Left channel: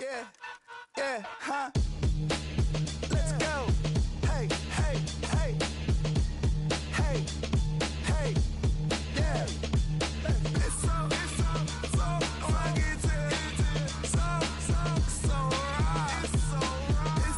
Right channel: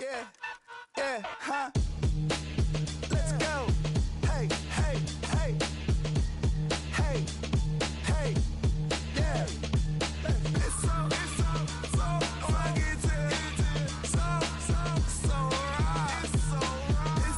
Yeah, yeah, huh? Let's go. Hey, hey, hey. Hey, hey, yeah. It's so rugged. So right. It's so rugged. It's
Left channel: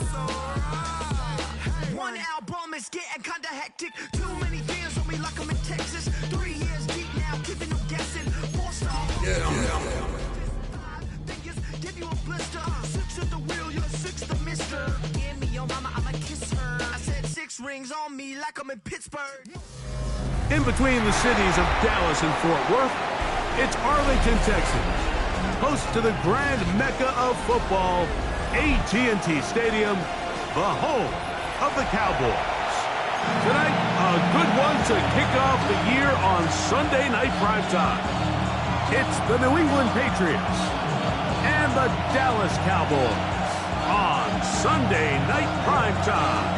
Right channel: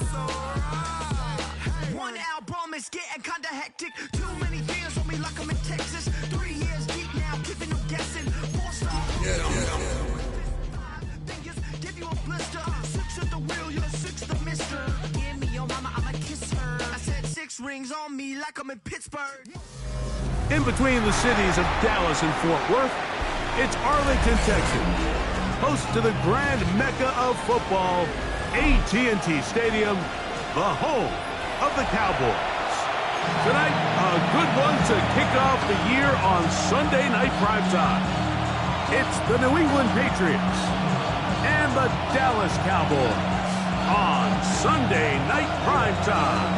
so right. One album is getting kinda hectic. Too many fans on me like I'm in Texas. 3 years deep now, keeping them guessing. 4-star. Fingers give you a blister. 6 at the wheel, you're 6 the mister. Give me your mama, I'ma kiss her. I said 6 rings on me like I'm in Pittsburgh. In between the cities of Dallas and Fort Worth, it's Arlington, Texas, host to the grand mecca of football, AT&T Stadium, the home of the Cowboys. Tonight, a good one to kick off the year on Sunday Night Primetime. It's the New England Patriots and the Dallas Cowboys on Sunday Night Primetime.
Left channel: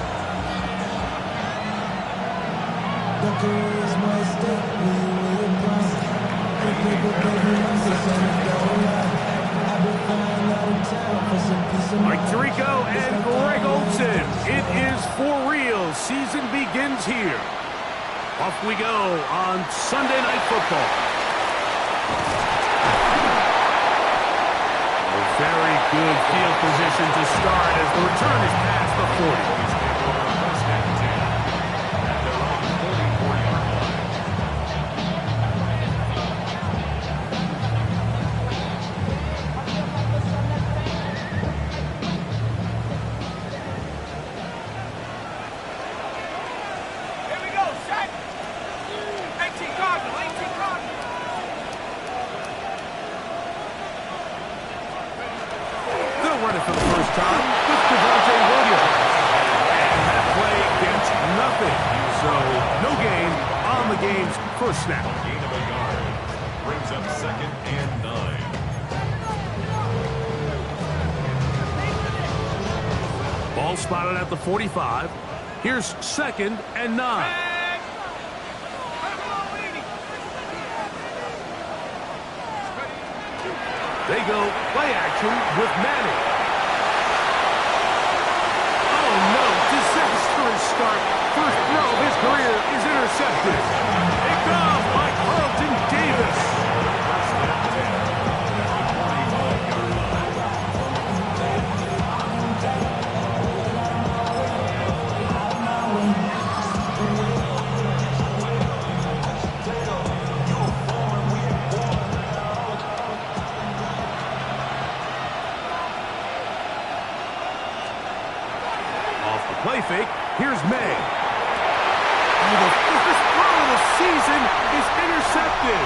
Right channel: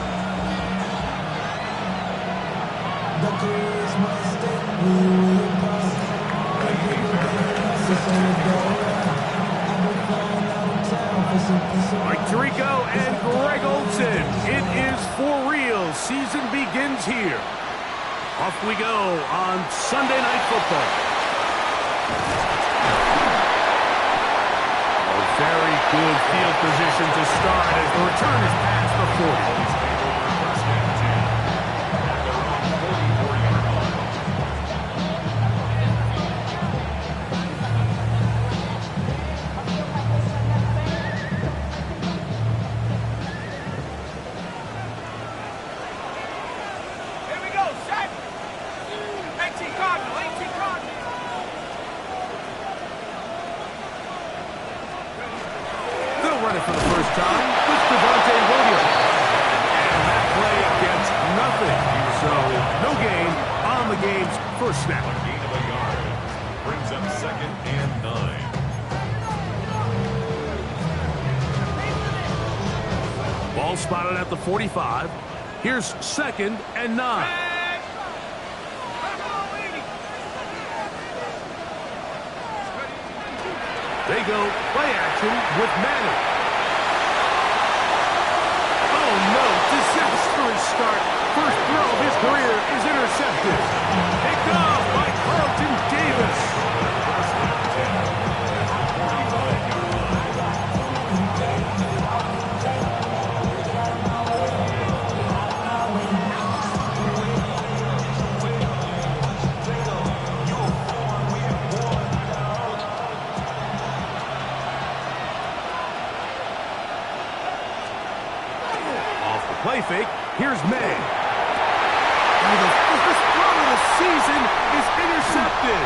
Mike Tirico and Greg Olsen. It is for real. Season begins here. Off we go on Sunday Night Football. A very good field position to start as the return is past the 40. Run it for the first time with Devontae Williams. And that play gets nothing. So no gain on the game's first snap. A gain of a yard brings up 2nd and 9. Ball spotted at the 45. Here's 2nd and 9. They go play action with Madden. Oh no, disastrous start. First throw of his career is intercepted. Picked off by Carlton Davis. First and 10 on 45-yard line. Play fake. Here's May. And the first throw of the season is intercepted.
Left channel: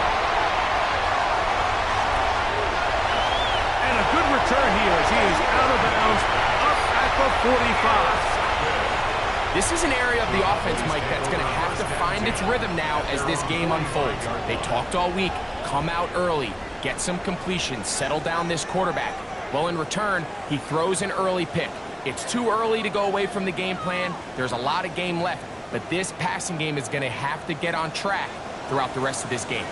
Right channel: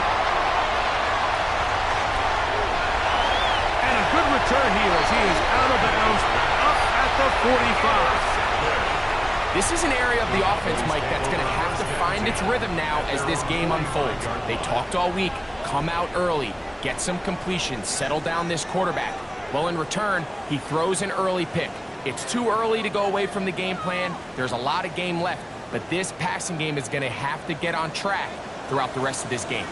And a good return here as he is out of bounds up at the 45. This is an area of the offense, Mike, that's going to have to find its rhythm now as this game unfolds. They talked all week. Come out early. Get some completions. Settle down this quarterback. Well, in return, he throws an early pick. It's too early to go away from the game plan. There's a lot of game left, but this passing game is going to have to get on track throughout the rest of this game.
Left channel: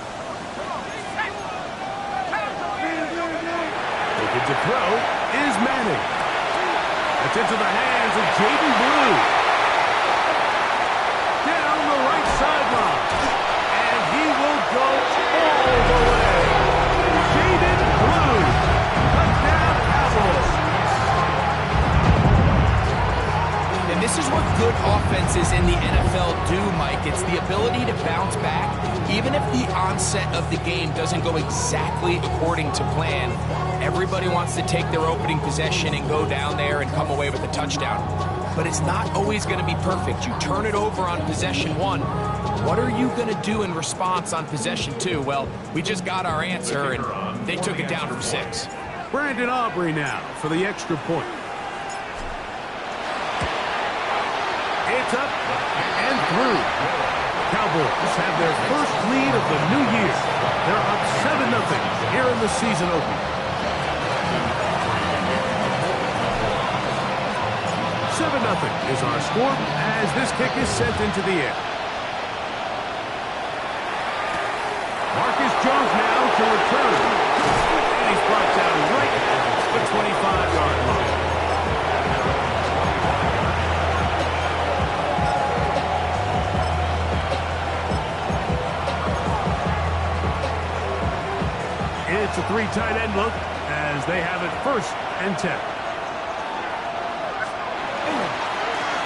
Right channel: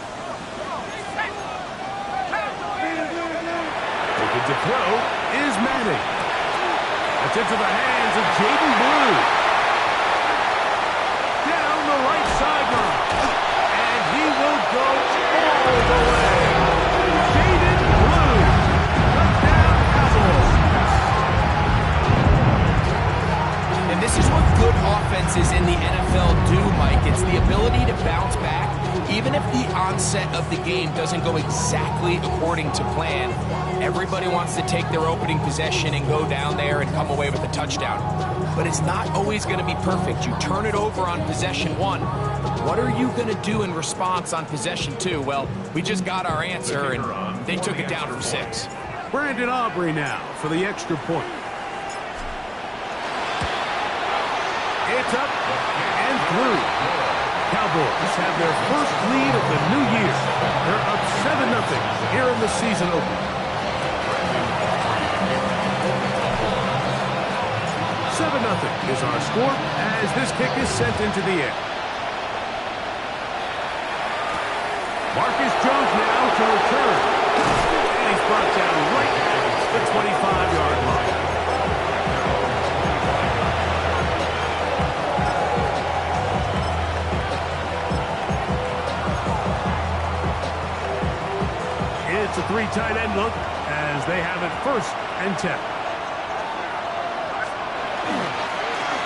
Looking to throw is Manning. That's into the hands of Jaden Blue. Down the right sideline. And he will go all the way. Jaden Blue. Touchdown Cowboys. And this is what good offenses in the NFL do, Mike. It's the ability to bounce back Even if the onset of the game doesn't go exactly according to plan, everybody wants to take their opening possession and go down there and come away with a touchdown. But it's not always going to be perfect. You turn it over on possession 1. What are you going to do in response on possession 2? Well, we just got our answer, and they took it down from 6. Brandon Aubrey now for the extra point. It's up and through. Cowboys have their first lead of the new year. They're up 7-0 here in the season opener. 7-0 is our score as this kick is sent into the air. Marcus Jones now to return. And he's brought down right at the 25-yard line. It's a 3 tight end look as they have it 1st and 10.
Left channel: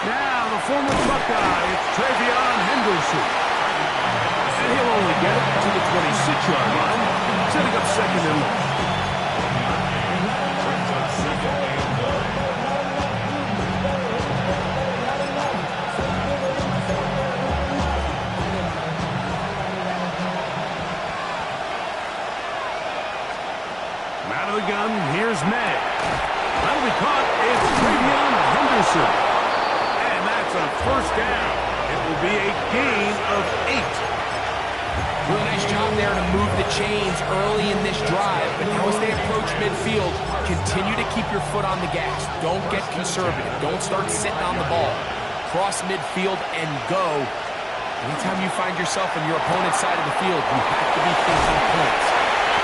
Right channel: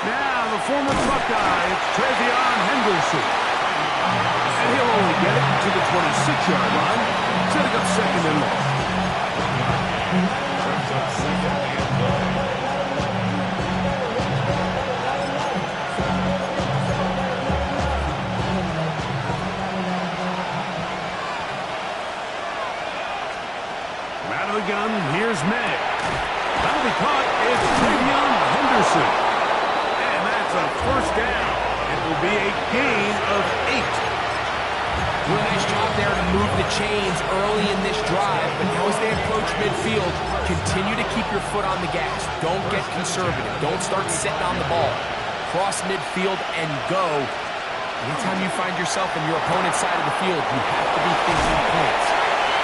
Now the former Buckeye, it's Travion Henderson. And he'll only get it to the 26-yard line, setting up 2nd and long. Out of the gun, here's May. That'll be caught. It's Travion Henderson. And that's a 1st down. It will be a gain of 8. Really nice job there to move the chains early in this drive, but now as they approach midfield, continue to keep your foot on the gas. Don't get conservative. Don't start sitting on the ball. Cross midfield and go. Anytime you find yourself on your opponent's side of the field, you have to be thinking points.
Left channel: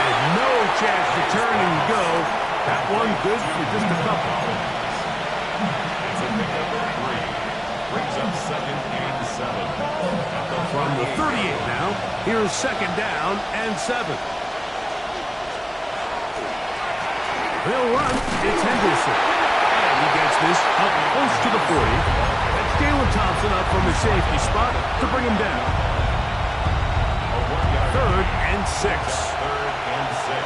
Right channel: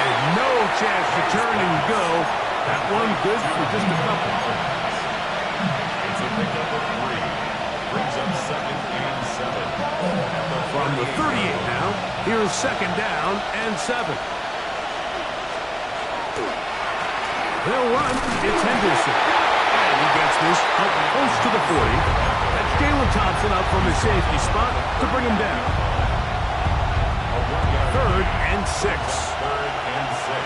And no chance to turn and go. That one good for just a couple. It's a pickup of 3. Brings up 2nd and 7. From the 38 now, here's 2nd down and 7. They'll run. It's Henderson. And he gets this up close to the 40. That's Jalen Thompson up from his safety spot to bring him down. 3rd and 6. 3rd and 6.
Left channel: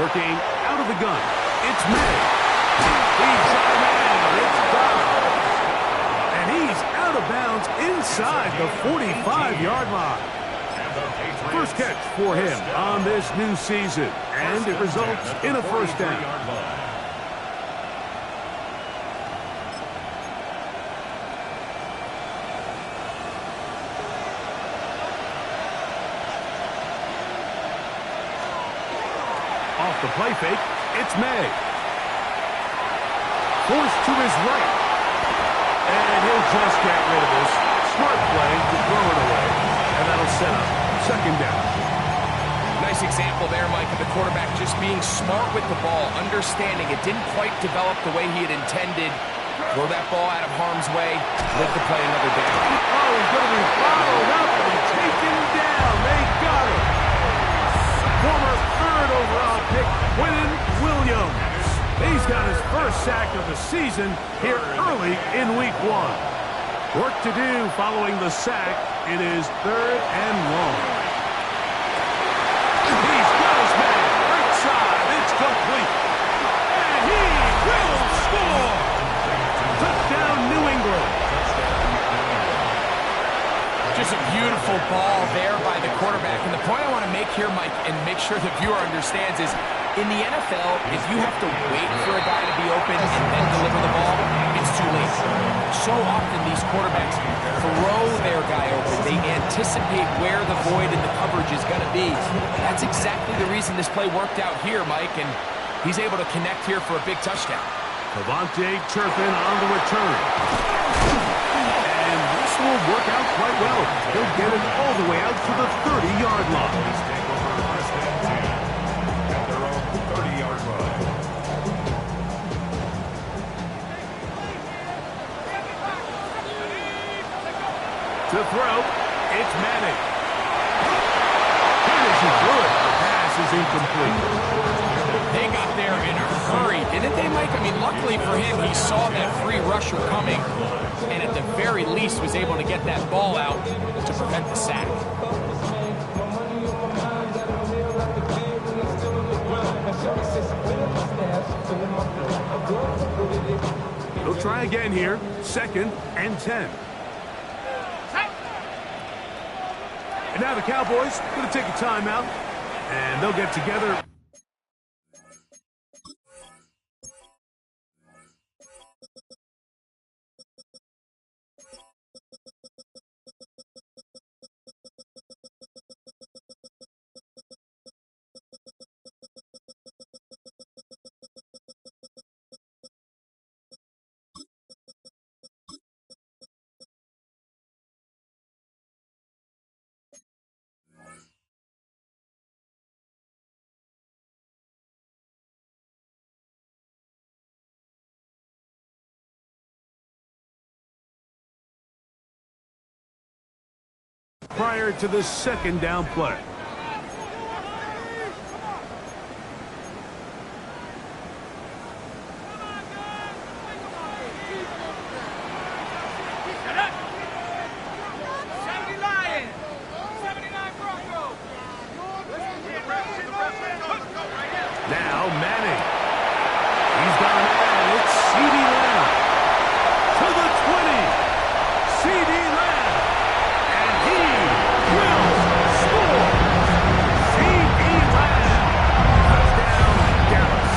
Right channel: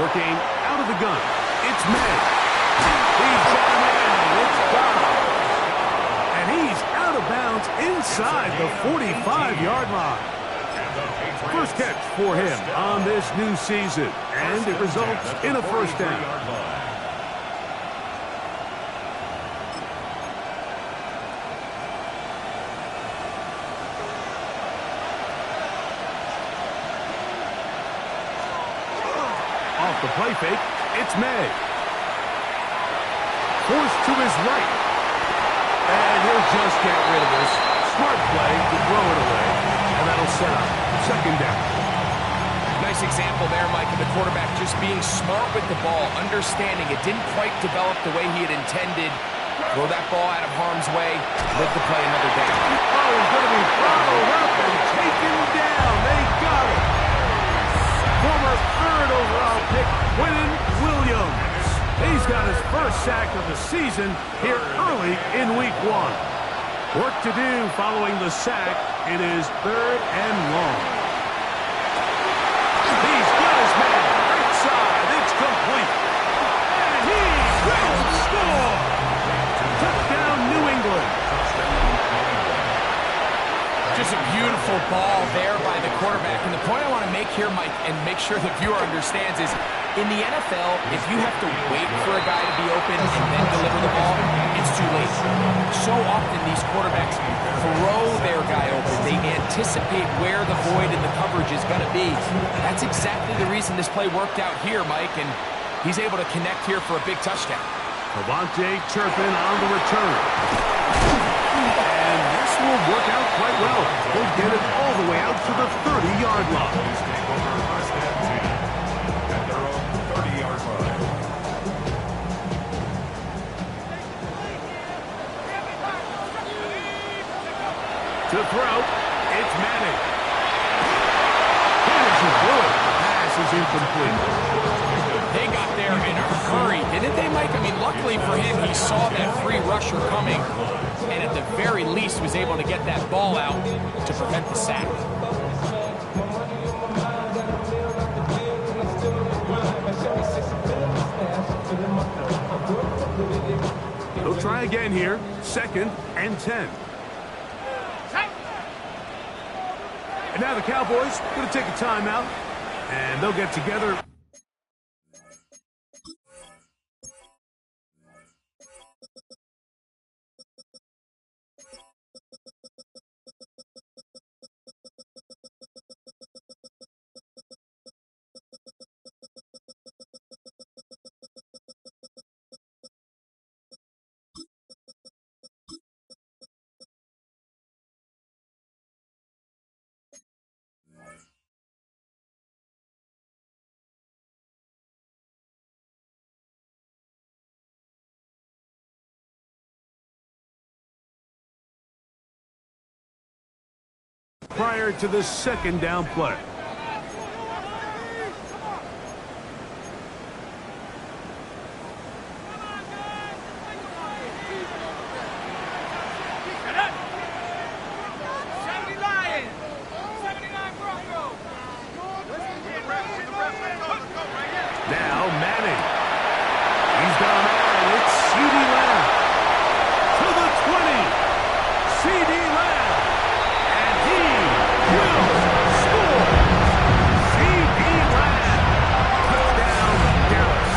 Working out of the gun. It's May. He's got a man. It's Dobbs. And he's out of bounds inside the 45-yard line. First catch for him on this new season. And it results in a 1st down. Off the play fake, it's May. Forced to his right. And he'll just get rid of this. Smart play to throw it away. And that'll set up 2nd down. Nice example there, Mike, of the quarterback just being smart with the ball, understanding it didn't quite develop the way he had intended. Throw that ball out of harm's way, live to play another down. Oh, he's going to be followed up and taken down. They got him. Former 3rd overall pick, Quinton Williams. He's got his 1st sack of the season here early in week 1. Work to do following the sack. It is 3rd and long. He's got his man. Right side. It's complete. And he will score. Touchdown, New England. Just a beautiful ball there by the quarterback. And the point I want to make here, Mike, and make sure the viewer understands is, in the NFL, if you have to wait for a guy to be open and then deliver the ball, it's too late. So often these quarterbacks throw their guy open. They anticipate where the void in the coverage is going to be. That's exactly the reason this play worked out here, Mike, and he's able to connect here for a big touchdown. Cavante Turpin on the return. And this will work out quite well. He'll get it all the way out to the 30-yard line. Please take over 1st and 10 at their own 30-yard line. To throw, it's Madden. And as he threw it, the pass is incomplete. They got there in a hurry, didn't they, Mike? I mean, luckily for him, he saw that free rusher coming, and at the very least was able to get that ball out to to prevent the sack. They'll try again here. 2nd and 10. And now the Cowboys going to take a timeout, and they'll get together. Prior to the 2nd down play. Now Manning. He's got a man. It's C.D. Lamb. To the 20. C.D. Lamb. And he will score. C.D. Lamb. Touchdown, Dallas.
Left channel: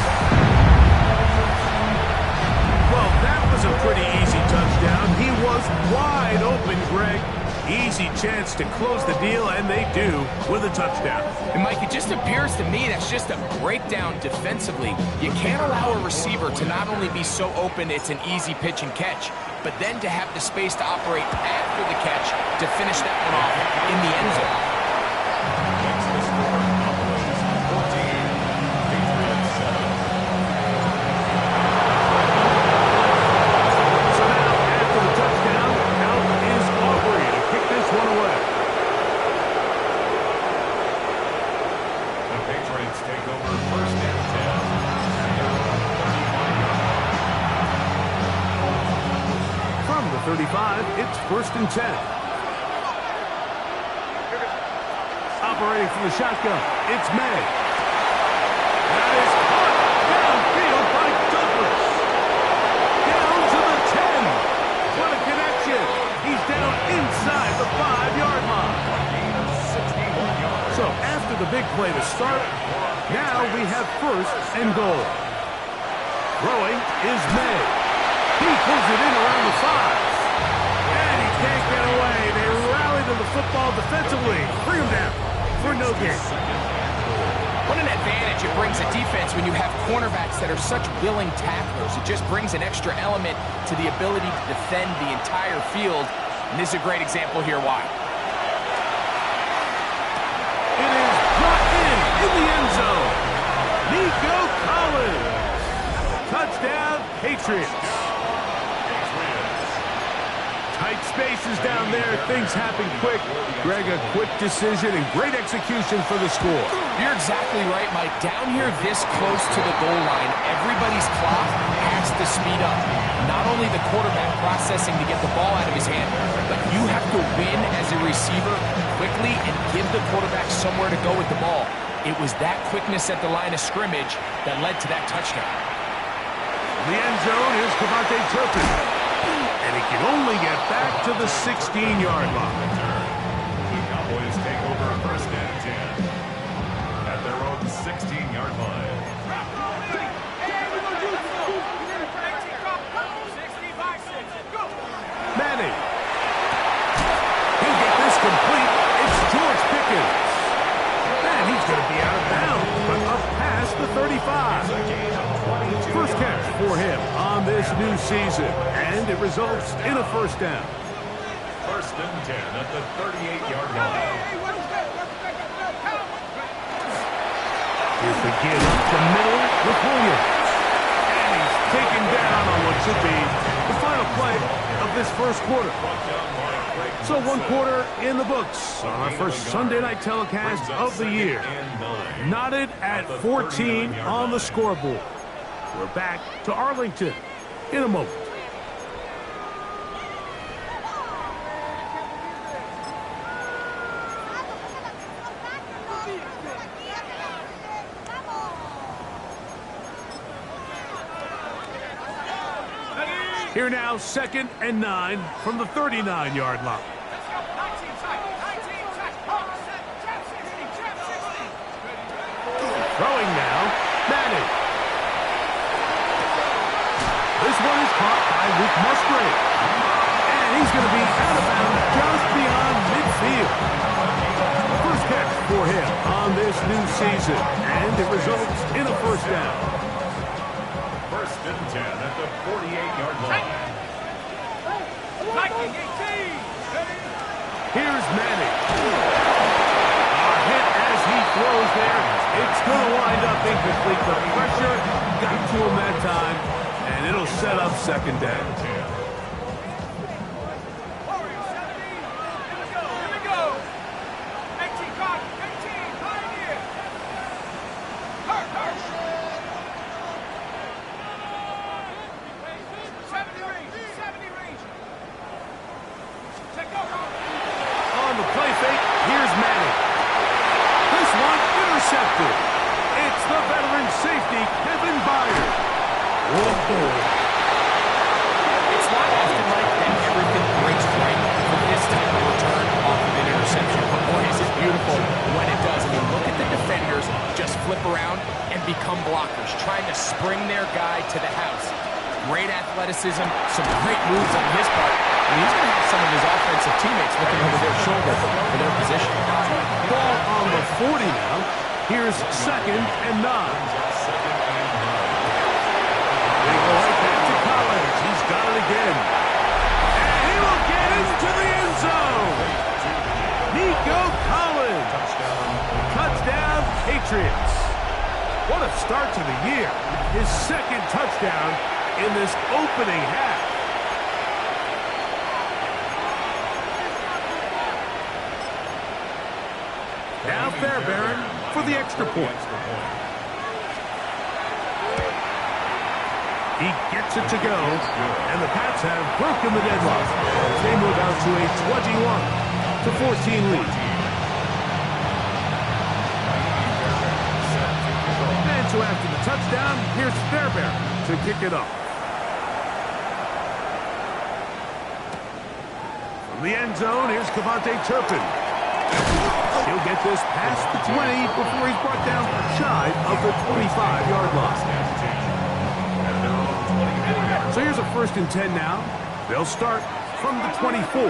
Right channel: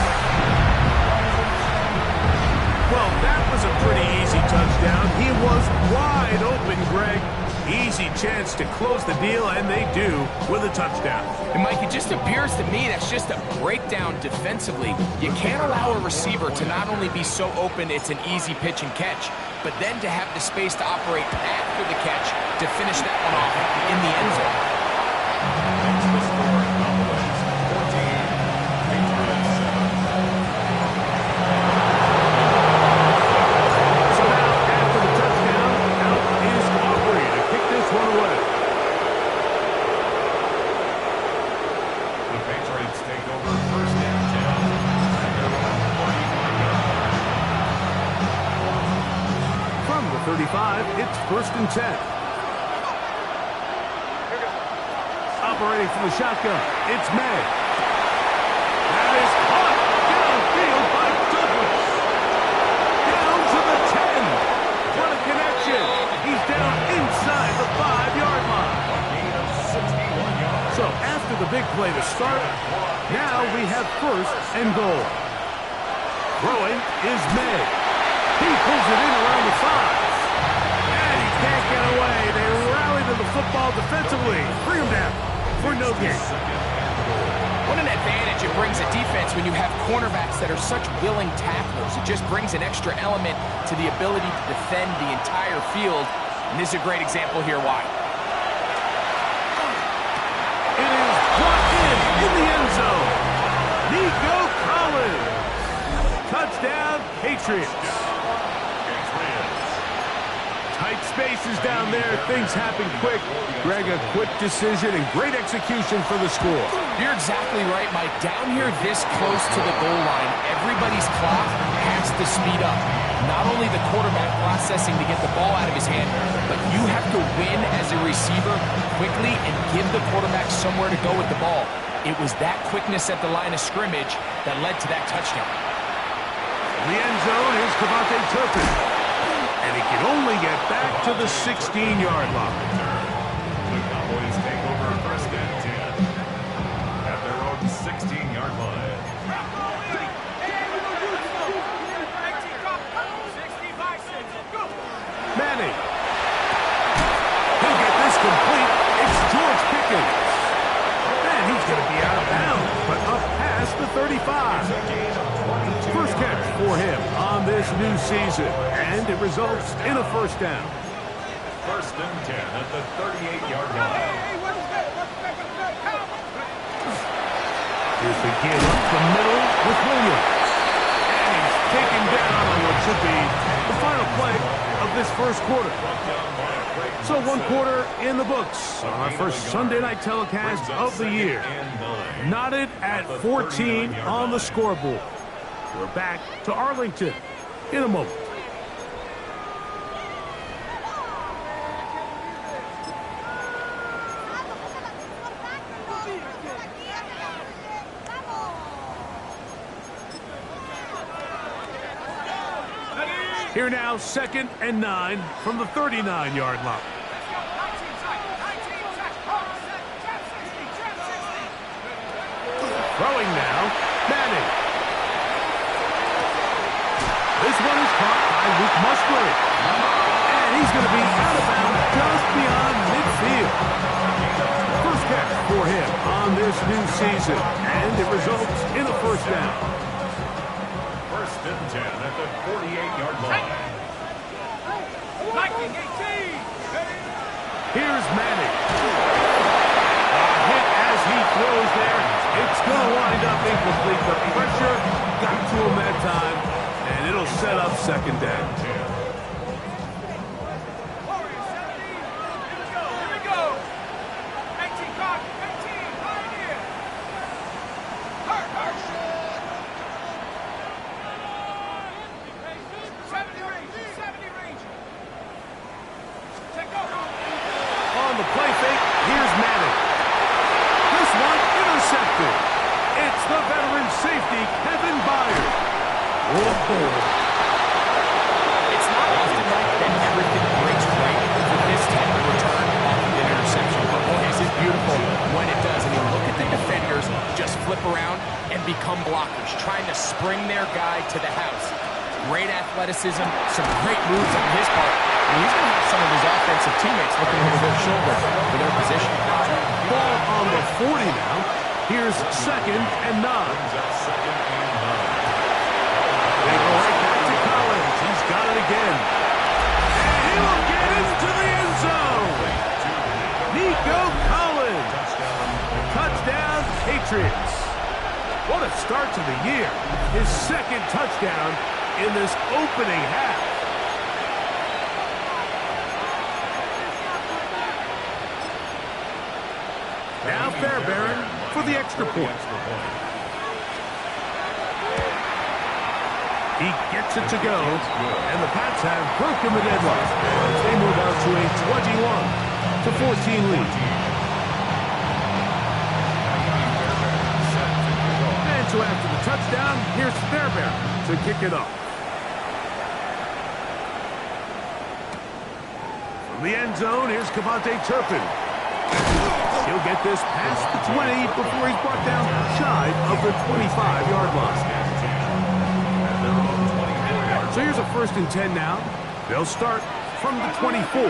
Well, that was a pretty easy touchdown. He was wide open, Greg. Easy chance to close the deal, and they do with a touchdown. And, Mike, it just appears to me that's just a breakdown defensively. You can't allow a receiver to not only be so open it's an easy pitch and catch, but then to have the space to operate after the catch to finish that one off in the end zone. Makes the score Cowboys 14, Patriots 7. So now, after the touchdown, out is Aubrey to kick this one away. The Patriots take over 1st and 10 at their own 35-yard line. From the 35, it's 1st and 10. Operating from the shotgun, it's May. That is caught downfield by Douglas. Down to the 10. What a connection. He's down inside the 5-yard line. A gain of 61 yards. So after the big play to start, now we have 1st and goal. Throwing is May. He pulls it in around the 5. And he can't get away. They rally to the football defensively. Bring him down for no gain. 2nd and goal. What an advantage it brings a defense when you have cornerbacks that are such willing tacklers. It just brings an extra element to the ability to defend the entire field. And this is a great example here why. It is brought in the end zone. Nico Collins. Touchdown, Patriots. Tight spaces down there. Things happen quick. Greg, a quick decision and great execution for the score. You're exactly right, Mike. Down here this close to the goal line, everybody's clock has to speed up. Not only the quarterback processing to get the ball out of his hand, but you have to win as a receiver quickly and give the quarterback somewhere to go with the ball. It was that quickness at the line of scrimmage that led to that touchdown. The end zone is Cavante Turpin. And he can only get back to the 16-yard line. The Cowboys take over 1st and 10 at their own 16-yard line. Manning. He'll get this complete. It's George Pickens. Man, he's going to be out of bounds, but up past the 35. First catch for him on this new season, and it results in a 1st down. 1st and 10 at the 38-yard line. Here's the give up the middle with Williams. And he's taken down on what should be the final play of this 1st quarter. So 1 quarter in the books on our first Sunday night telecast of the year. Knotted at 14 on the scoreboard. We're back to Arlington in a moment. Here now, 2nd and 9 from the 39-yard line. Throwing now, Madden. This one is caught by Luke Musgrave. And he's going to be out of bounds just beyond midfield. First catch for him on this new season. And it results in a first down. 1st and 10 at the 48-yard line. Here's Manning. A hit as he throws there. It's going to wind up incomplete. The pressure got to him that time, and it'll set up 2nd down. On the play fake, here's Manning. This one intercepted. It's the veteran safety, Kevin Byard. Whoa. It's not often, Mike, that everything breaks right for this type of return off of an interception. But boy, is it beautiful when it does. I mean, look at the defenders just flip around and become blockers, trying to spring their guy to the house. Great athleticism, some great moves on his part. I mean, he's going to have some of his offensive teammates looking over their shoulder for their position. Ball on the 40 now. Here's 2nd and 9. They go right back to Collins. He's got it again. And he will get into the end zone. Nico Collins. Touchdown, Patriots. What a start to the year. His 2nd touchdown in this opening half. Now Fairbairn for the extra point. He gets it to go, and the Pats have broken the deadlock. They move out to a 21-14 lead. And so after the touchdown, here's Fairbairn to kick it off. From the end zone, here's Cavante Turpin. He'll get this past the 20 before he's brought down shy of the 25-yard line. So here's a 1st and 10 now. They'll start from the 24.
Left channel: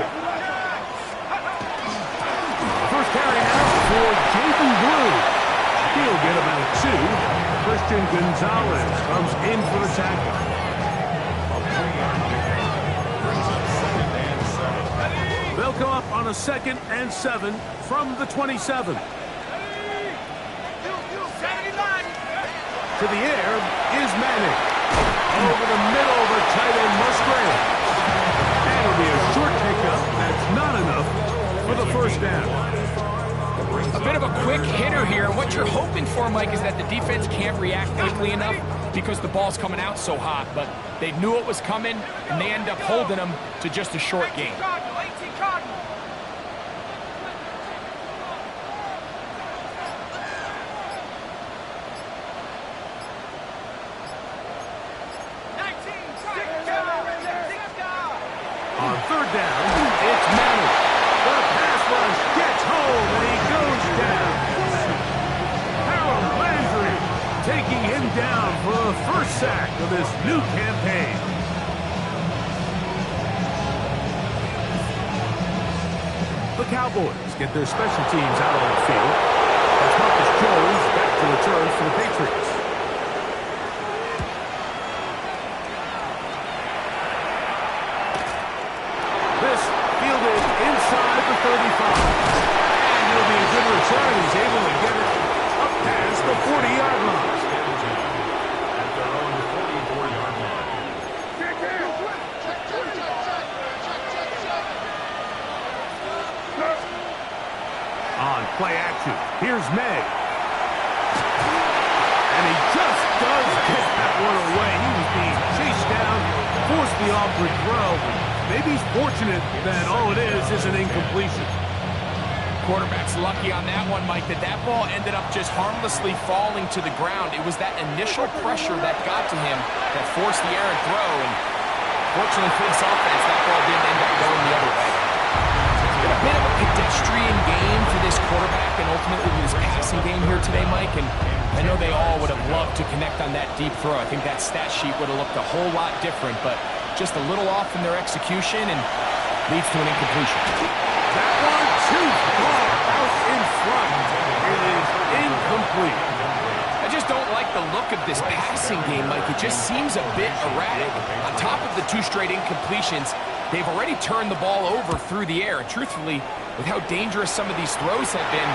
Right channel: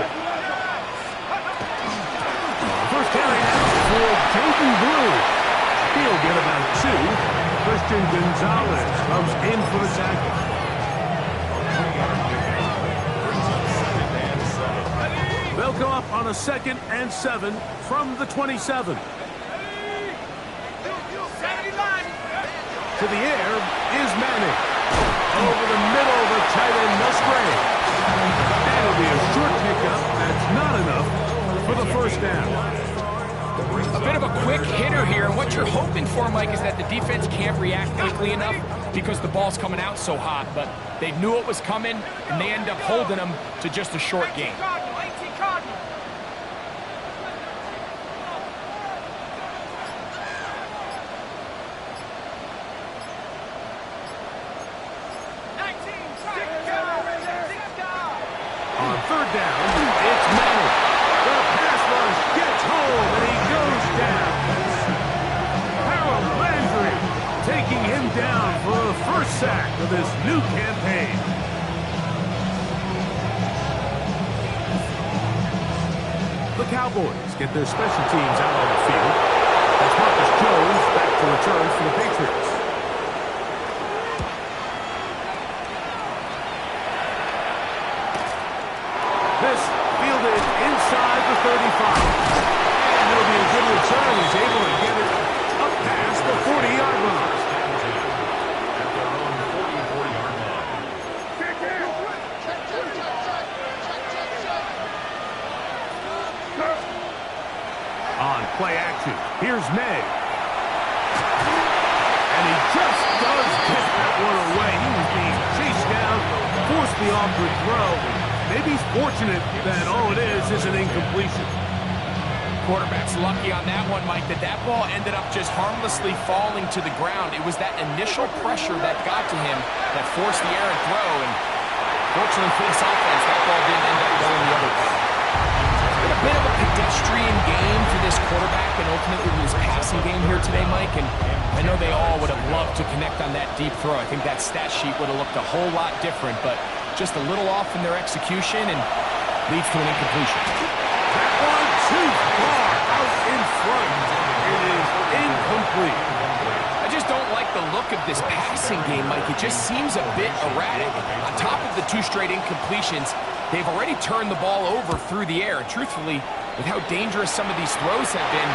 First carry now for Jaden Blue. He'll get about 2. Christian Gonzalez comes in for the tackle. They'll come up on a 2nd and 7 from the 27. To the air is Manning. Over the middle, the tight end Musgrave. And it'll be a short pickup. That's not enough for the first down. A bit of a quick hitter here, and what you're hoping for, Mike, is that the defense can't react quickly enough because the ball's coming out so hot, but they knew it was coming, and they end up holding them to just a short gain. On 3rd down, it's Manning. The pass rush gets home, and he goes down. Harold Landry taking him down for the first sack of this new campaign. The Cowboys get their special teams out on the field. That's Marcus Jones back to return for the Patriots. This fielded inside the 35. And it'll be a good return. He's able to get it up past the 40-yard line. At their own 44-yard line. On play action, here's May. And he just does get that one away. He was being chased down, forced the awkward throw. Maybe he's fortunate that all it is an incompletion. Quarterback's lucky on that one, Mike, that ball ended up just harmlessly falling to the ground. It was that initial pressure that got to him that forced the errant throw, and Unfortunately for this offense, that ball didn't end up going the other way. It's been a bit of a pedestrian game for this quarterback and ultimately his passing game here today, Mike. And I know they all would have loved to connect on that deep throw. I think that stat sheet would have looked a whole lot different, but just a little off in their execution and leads to an incompletion. That one too far out in front. It is incomplete. I just don't like the look of this passing game, Mike. It just seems a bit erratic. On top of the 2 straight incompletions, they've already turned the ball over through the air. And truthfully, with how dangerous some of these throws have been,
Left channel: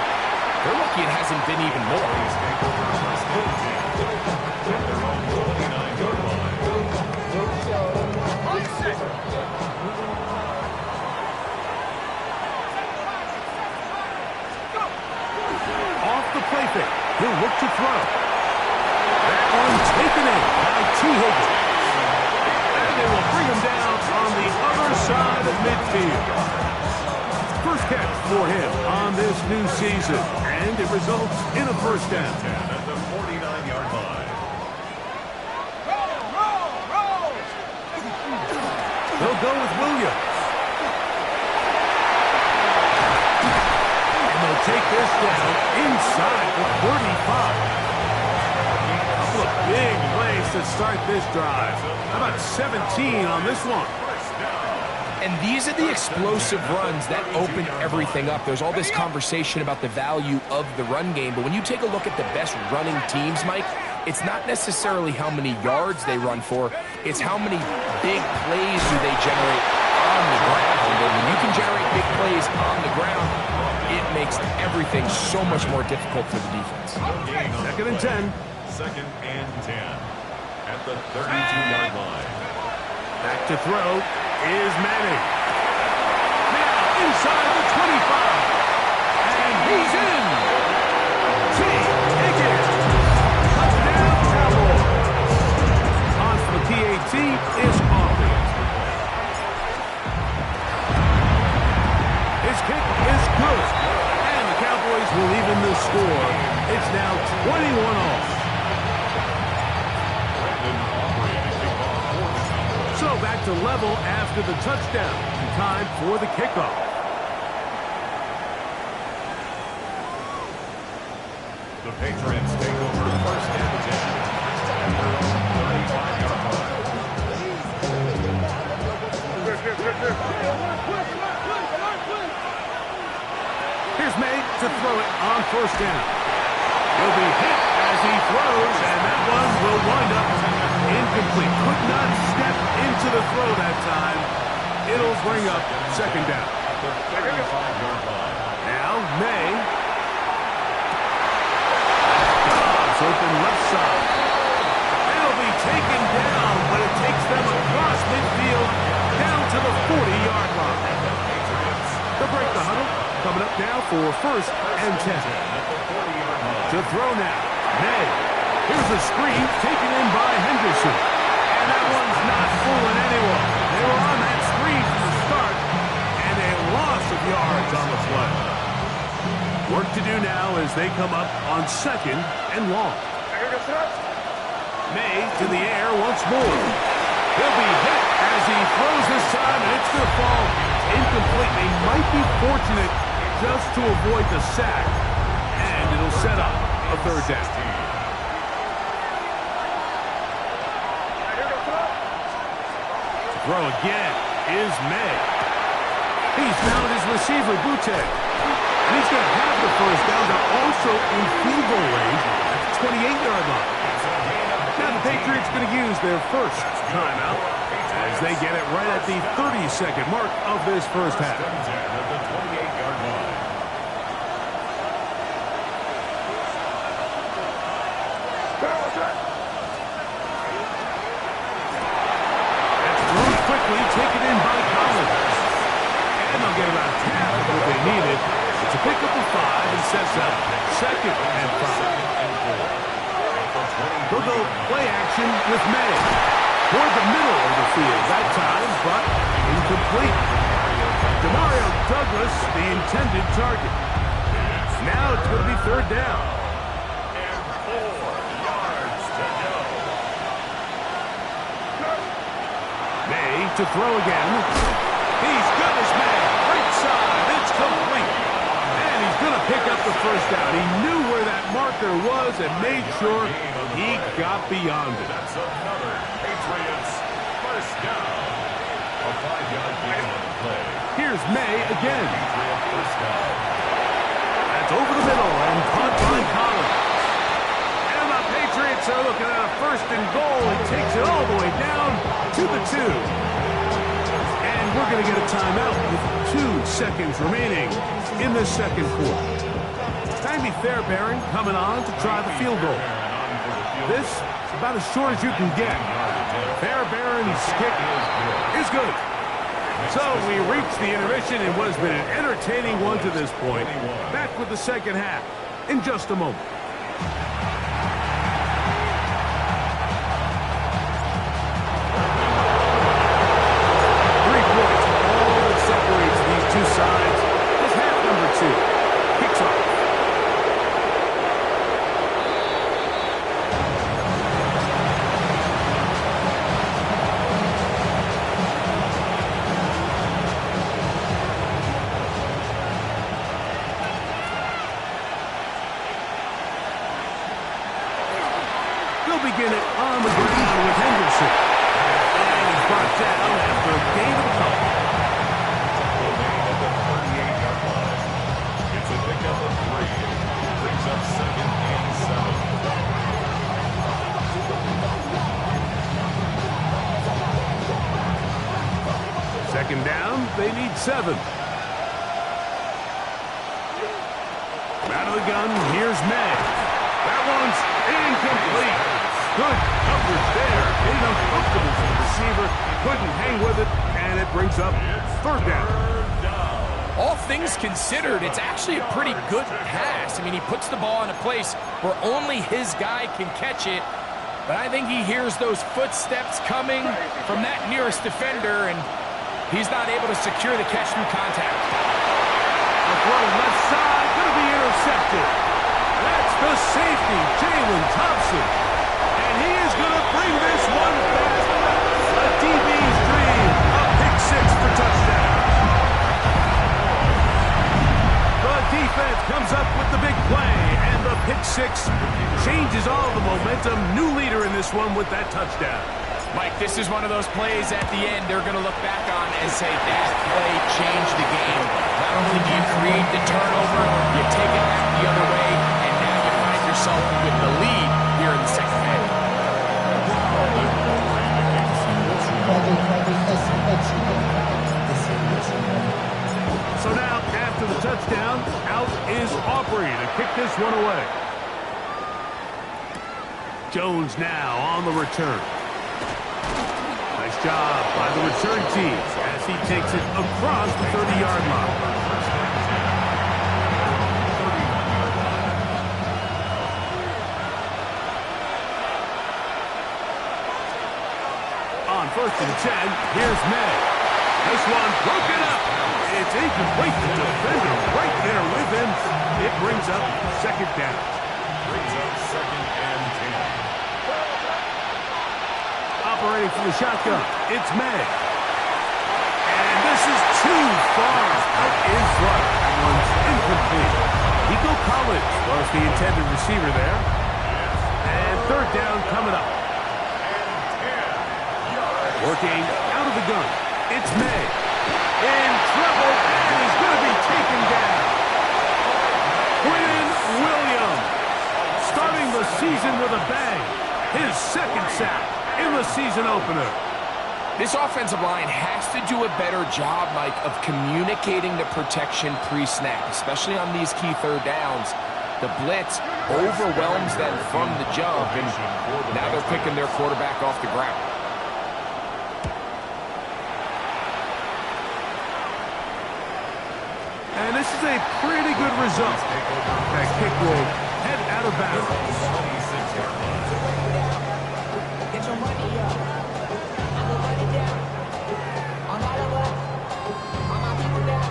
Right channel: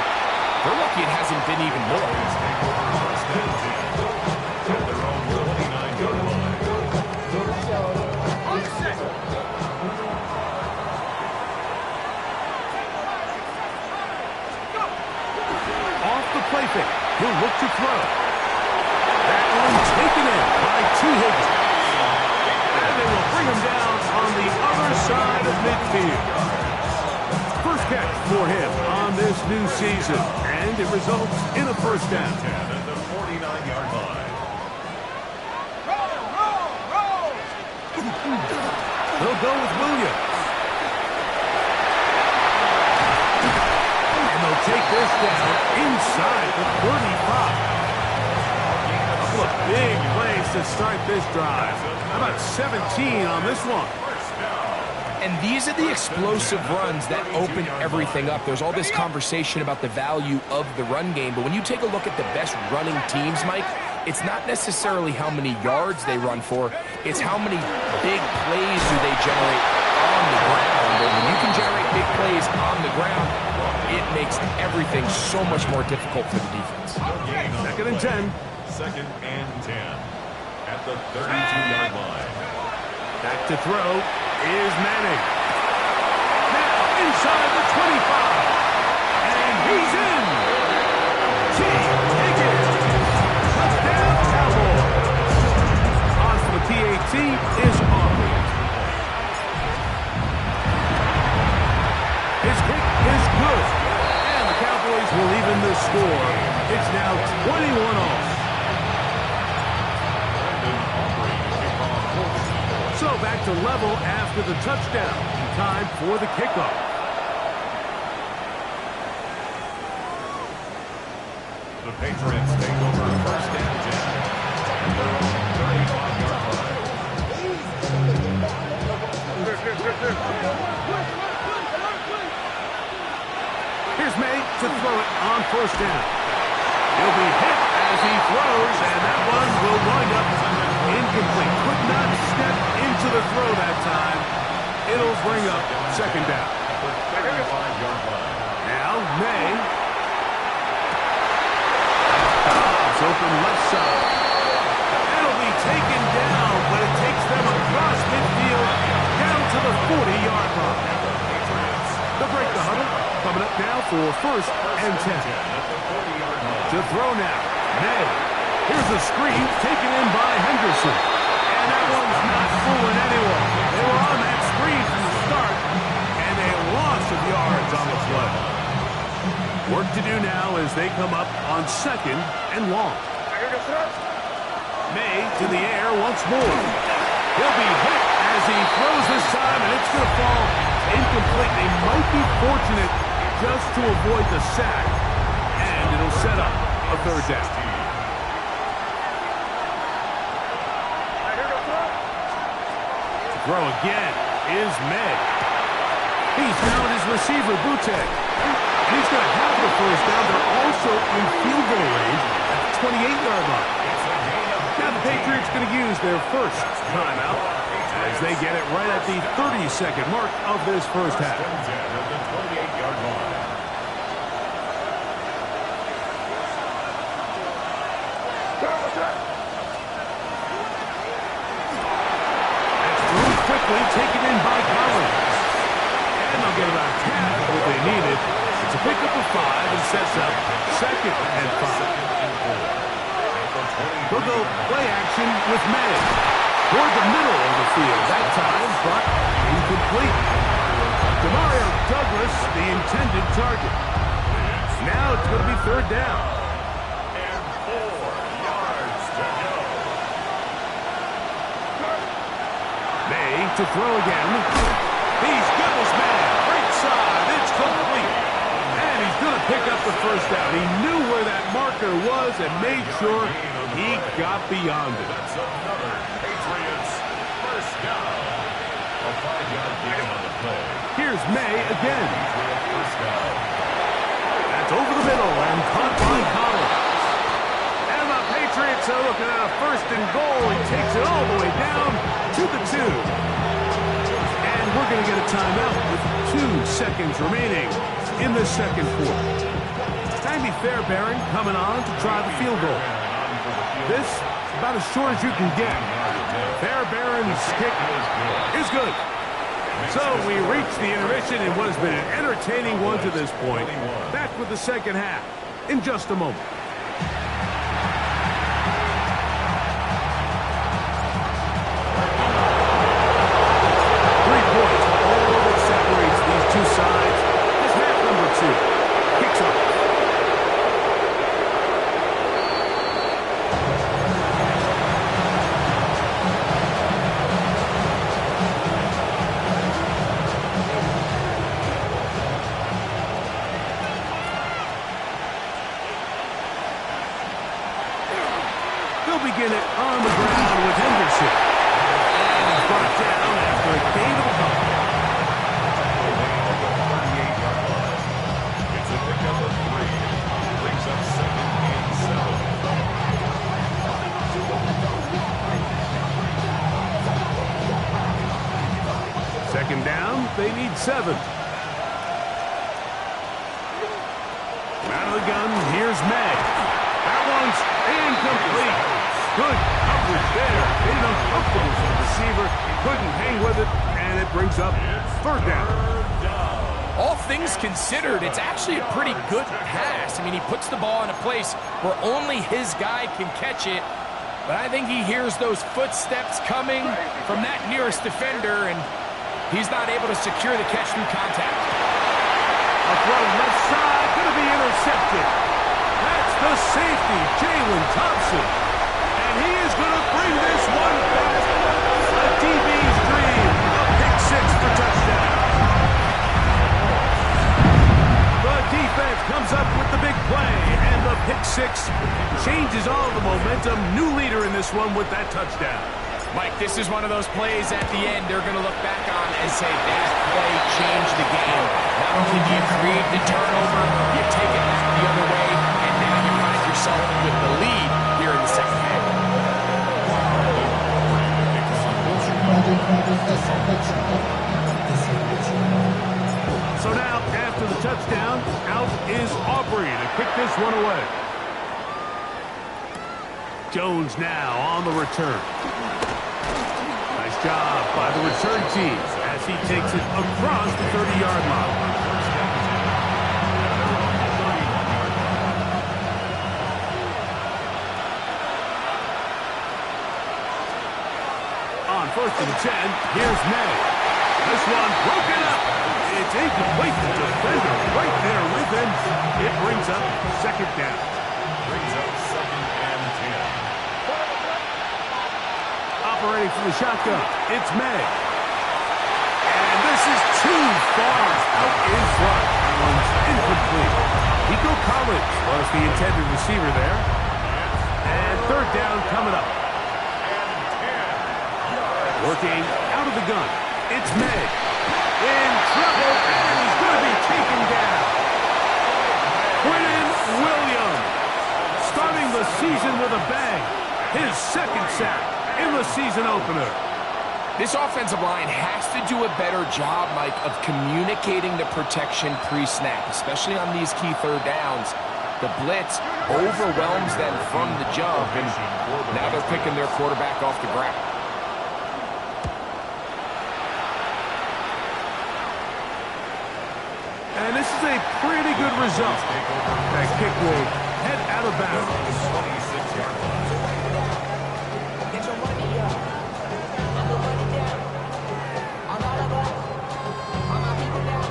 they're lucky it hasn't been even more. Cowboys take over first and 10 at their own 29-yard line. Off the play fake. He'll look to throw. That one taken in by T. Higgins. And they will bring him down on the other side of midfield. First catch for him on this new season. And it results in a first down. 10 at the 49-yard line. They'll go with Williams. And they'll take this down inside the 35. A couple of big plays to start this drive. How about 17 on this one? And these are the explosive runs that open everything up. There's all this conversation about the value of the run game, but when you take a look at the best running teams, Mike, it's not necessarily how many yards they run for, it's how many big plays do they generate on the ground. And when you can generate big plays on the ground, it makes everything so much more difficult for the defense. Second and 10. Second and 10 at the 32-yard line. Back to throw is Manning. Now inside the 25. And he's in. T. Higgins. Touchdown Cowboys. On for the PAT is Aubrey. His kick is good. And the Cowboys will even the score. It's now 21-all. So back to level after the touchdown. Time for the kickoff. The Patriots take over first and 10 at their own 35-yard line. Here's May to throw it on first down. He'll be hit as he throws, and that one will wind up incomplete. Could not step into the throw that time. It'll bring up second down. At the 35-yard line. Now, May. Dobbs open left side. It'll be taken down, but it takes them across midfield down to the 40-yard line. They'll break the huddle. Coming up now for first and 10. To throw now. May. Here's a screen taken in by Henderson. And that one's not fooling anyone. They were on that screen from the start, and a loss of yards on the play. Work to do now as they come up on second and long. May to the air once more. He'll be hit as he throws this time, and it's going to fall incomplete. They might be fortunate just to avoid the sack, and it'll set up a third down. To throw again is May. He's found his receiver, Butte. And he's going to have the first down. They're also in field goal range at the 28-yard line. Now the Patriots going to use their first timeout as they get it right at the 30-second mark of this first half. At the 28-yard line. That's thrown quickly, taken in by Collins. And they'll get about half of what they needed. It's a pickup of 5 and sets up second and 5. They'll go play action with May. Toward the middle of the field that time, but incomplete. Demario Douglas, the intended target. Now it's going to be third down. And 4 yards to go. May to throw again. He's got his man. Right side. It's complete. And he's going to pick up the first down. He knew where that marker was and made sure he got beyond it. That's another Patriots first down. A 5-yard gain on the play. Here's May again. Patriot first down. That's over the middle and caught by Collins. And the Patriots are looking at a first and goal. He takes it all the way down to the 2. And we're going to get a timeout with 2 seconds remaining in the second quarter. Timmy Fairbairn coming on to try the field goal. This is about as short as you can get. Fairbairn's kick is good. So we reach the intermission in what has been an entertaining one to this point. Back with the second half in just a moment. 3 points, all that separates these two sides is half number 2. Kicks off. They'll begin it on the ground with Henderson. And he's brought down after a gain of a couple. Tackle made at the 38-yard line. It's a pickup of 3. Brings up 2nd and 7. Second down, they need 7. Out of the gun, here's May. That one's incomplete. Good coverage there. Made it uncomfortable for the receiver. Couldn't hang with it, and it brings up third down. All things considered, it's actually a pretty good pass. I mean, he puts the ball in a place where only his guy can catch it. But I think he hears those footsteps coming from that nearest defender, and he's not able to secure the catch through contact. A throw left side, going to be intercepted. That's the safety, Jalen Thompson. And he is going to bring this one back. A DB's dream, a pick 6 for touchdown. The defense comes up with the big play, and the pick 6 changes all the momentum. New leader in this one with that touchdown. Mike, this is one of those plays at the end they're going to look back on and say that play changed the game. Not only do you create the turnover, you take it back the other way, and now you find yourself with the lead here in the second half. So now, after the touchdown, out is Aubrey to kick this one away. Jones now on the return. Nice job by the return team as he takes it across the 30-yard line. On 1st and 10, here's May. This one broken up. It's incomplete. The defender right there with him. It brings up second down. Brings up 2nd and 10. Operating from the shotgun, it's May. And this is too far out in front. That one's incomplete. Nico Collins was the intended receiver there. And third down coming up. Working out of the gun, it's May. In trouble, and he's going to be taken down. Quinn Williams starting the season with a bang. His second sack in the season opener. This offensive line has to do a better job, Mike, of communicating the protection pre-snap, especially on these key third downs. The blitz overwhelms them from the jump, and now they're picking their quarterback off the ground. And this is a pretty good result. That kick will head out of bounds. 26-yard line. Get your money up. I put money down. On all of us. On my people down.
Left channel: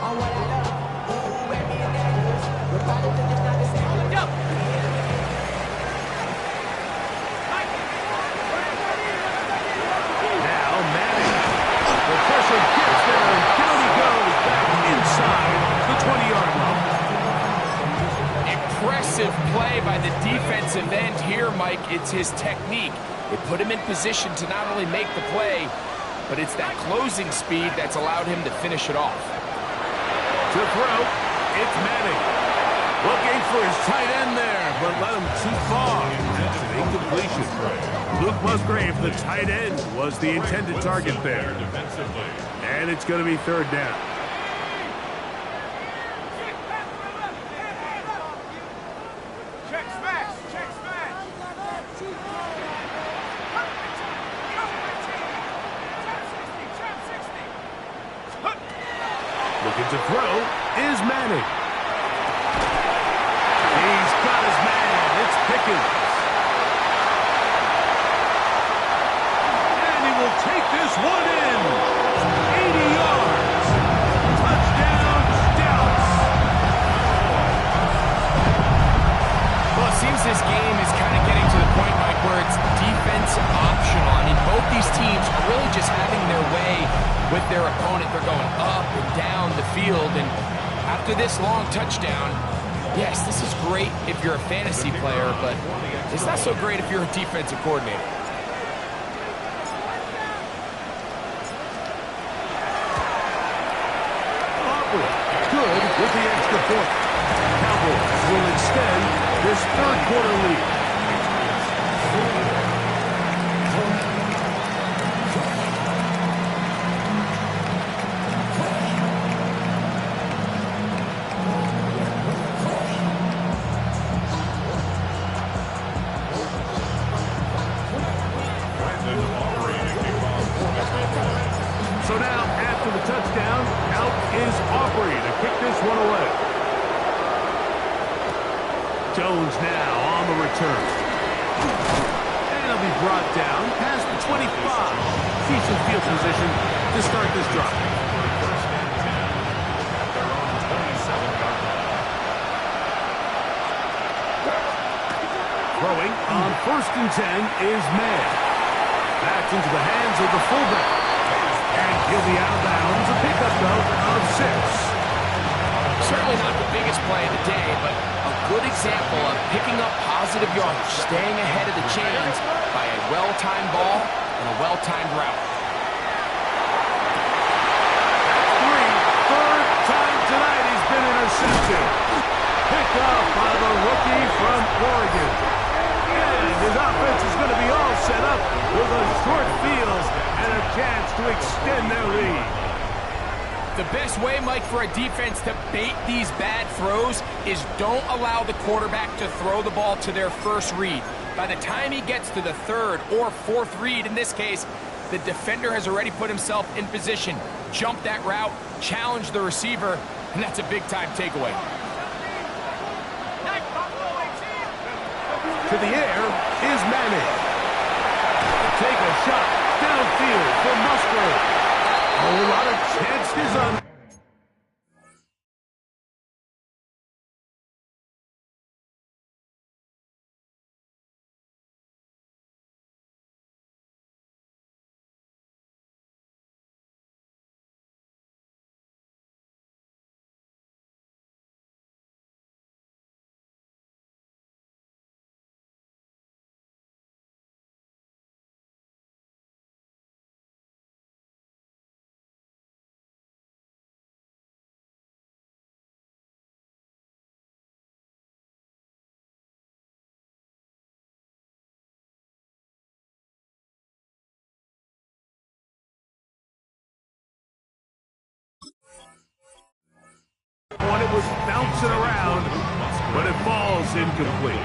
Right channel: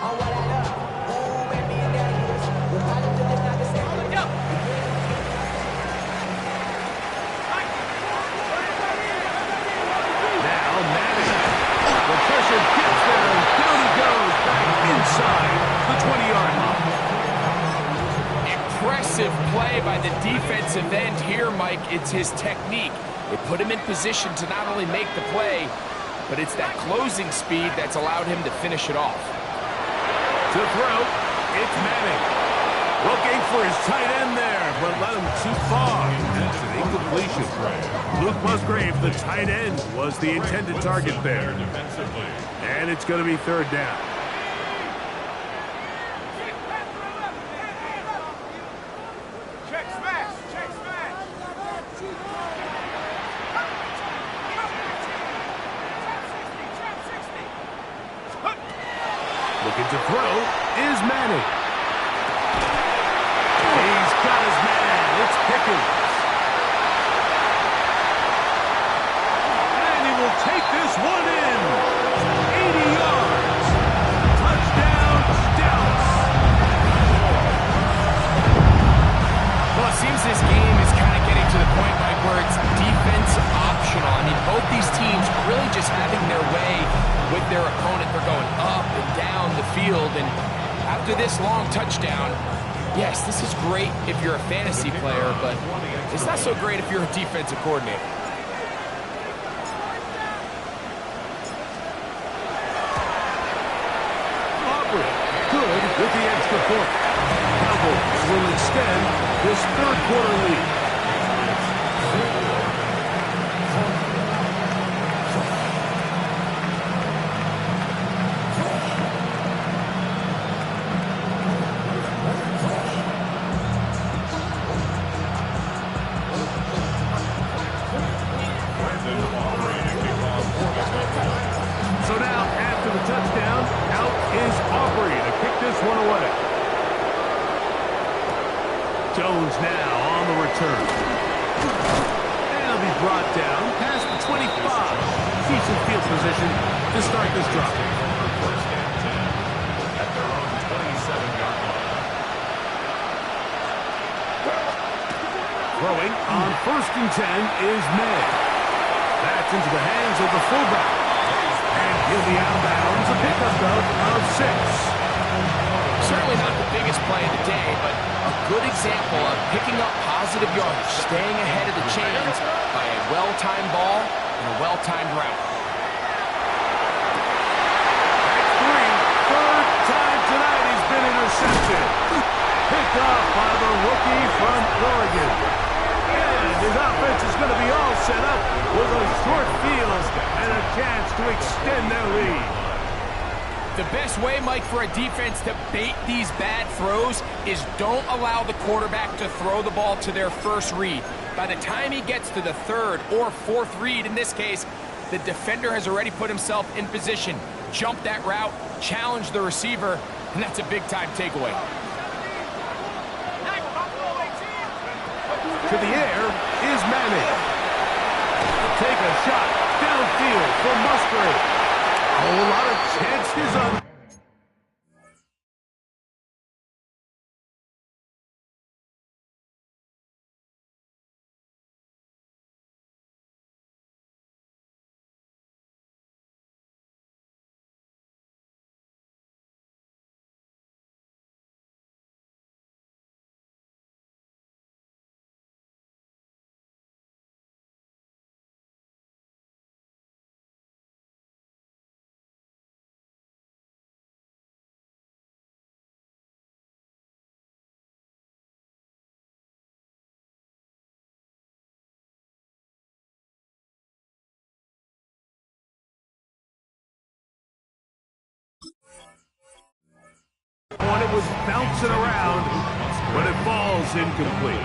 On what I love. Ooh, and me and Daniels. We're pilots are just not the same. Now, Madden 20-yard line. Impressive play by the defensive end here, Mike. It's his technique. It put him in position to not only make the play, but it's that closing speed that's allowed him to finish it off. To throw, it's Manning. Looking for his tight end there, but led him too far. That's an incompletion. Luke Musgrave, the tight end, was the intended target there. And it's going to be third down. Looking to throw is Manning. He's got his man. It's Pickens. And he will take this one in. 80 yards. Touchdown, Dallas. Well, it seems this game is kind of getting to the point, Mike, where it's defense optional. I mean, both these teams are really just having their way with their opponent. They're going up and down the field, and after this long touchdown, yes, this is great if you're a fantasy player, but it's not so great if you're a defensive coordinator. Aubrey, good with the extra point. Cowboys will extend this third quarter lead. So now, after the touchdown, out is Aubrey to kick this one away. Jones now on the return. And he'll be brought down past the 25. Decent field position to start this drive. First and 10 at their own 27-yard line. Throwing on first and 10 is May. That's into the hands of the fullback. And he'll be out of bounds, a pickup of 6. Certainly not the biggest play of the day, but a good example of picking up positive yardage, staying ahead of the chains by a well-timed ball and a well-timed route. That's 3. Third time tonight he's been intercepted. Picked off by the rookie from Oregon. And his offense is going to be all set up with a short field and a chance to extend their lead. The best way, Mike, for a defense to bait these bad throws is don't allow the quarterback to throw the ball to their first read. By the time he gets to the third or fourth read, in this case, the defender has already put himself in position, jump that route, challenge the receiver, and that's a big-time takeaway. To the air is Manning. Take a shot downfield for Musgrave. A whole lot of chances on. When it was bouncing around, but it falls incomplete.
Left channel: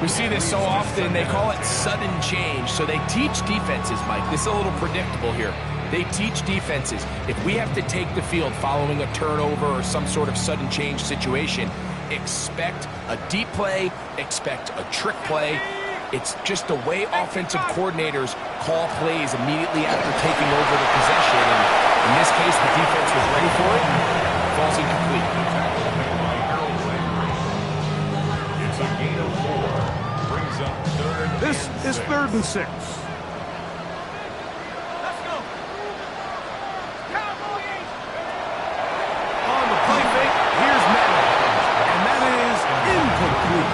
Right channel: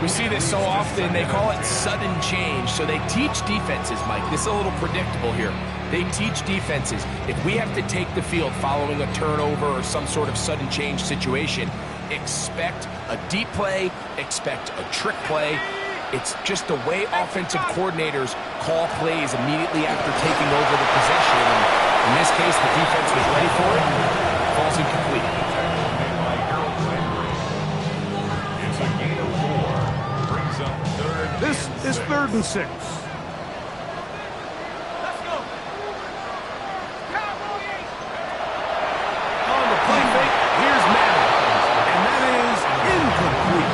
We see this so often, they call it sudden change. So they teach defenses, Mike. This is a little predictable here. They teach defenses, if we have to take the field following a turnover or some sort of sudden change situation, expect a deep play, expect a trick play. It's just the way offensive coordinators call plays immediately after taking over the possession. And in this case, the defense was ready for it. Falls incomplete. It's a gain of 4. Brings up third. This is 3rd and 6. Let's go. Cowboys! On the play fake. Here's Madden. And that is incomplete.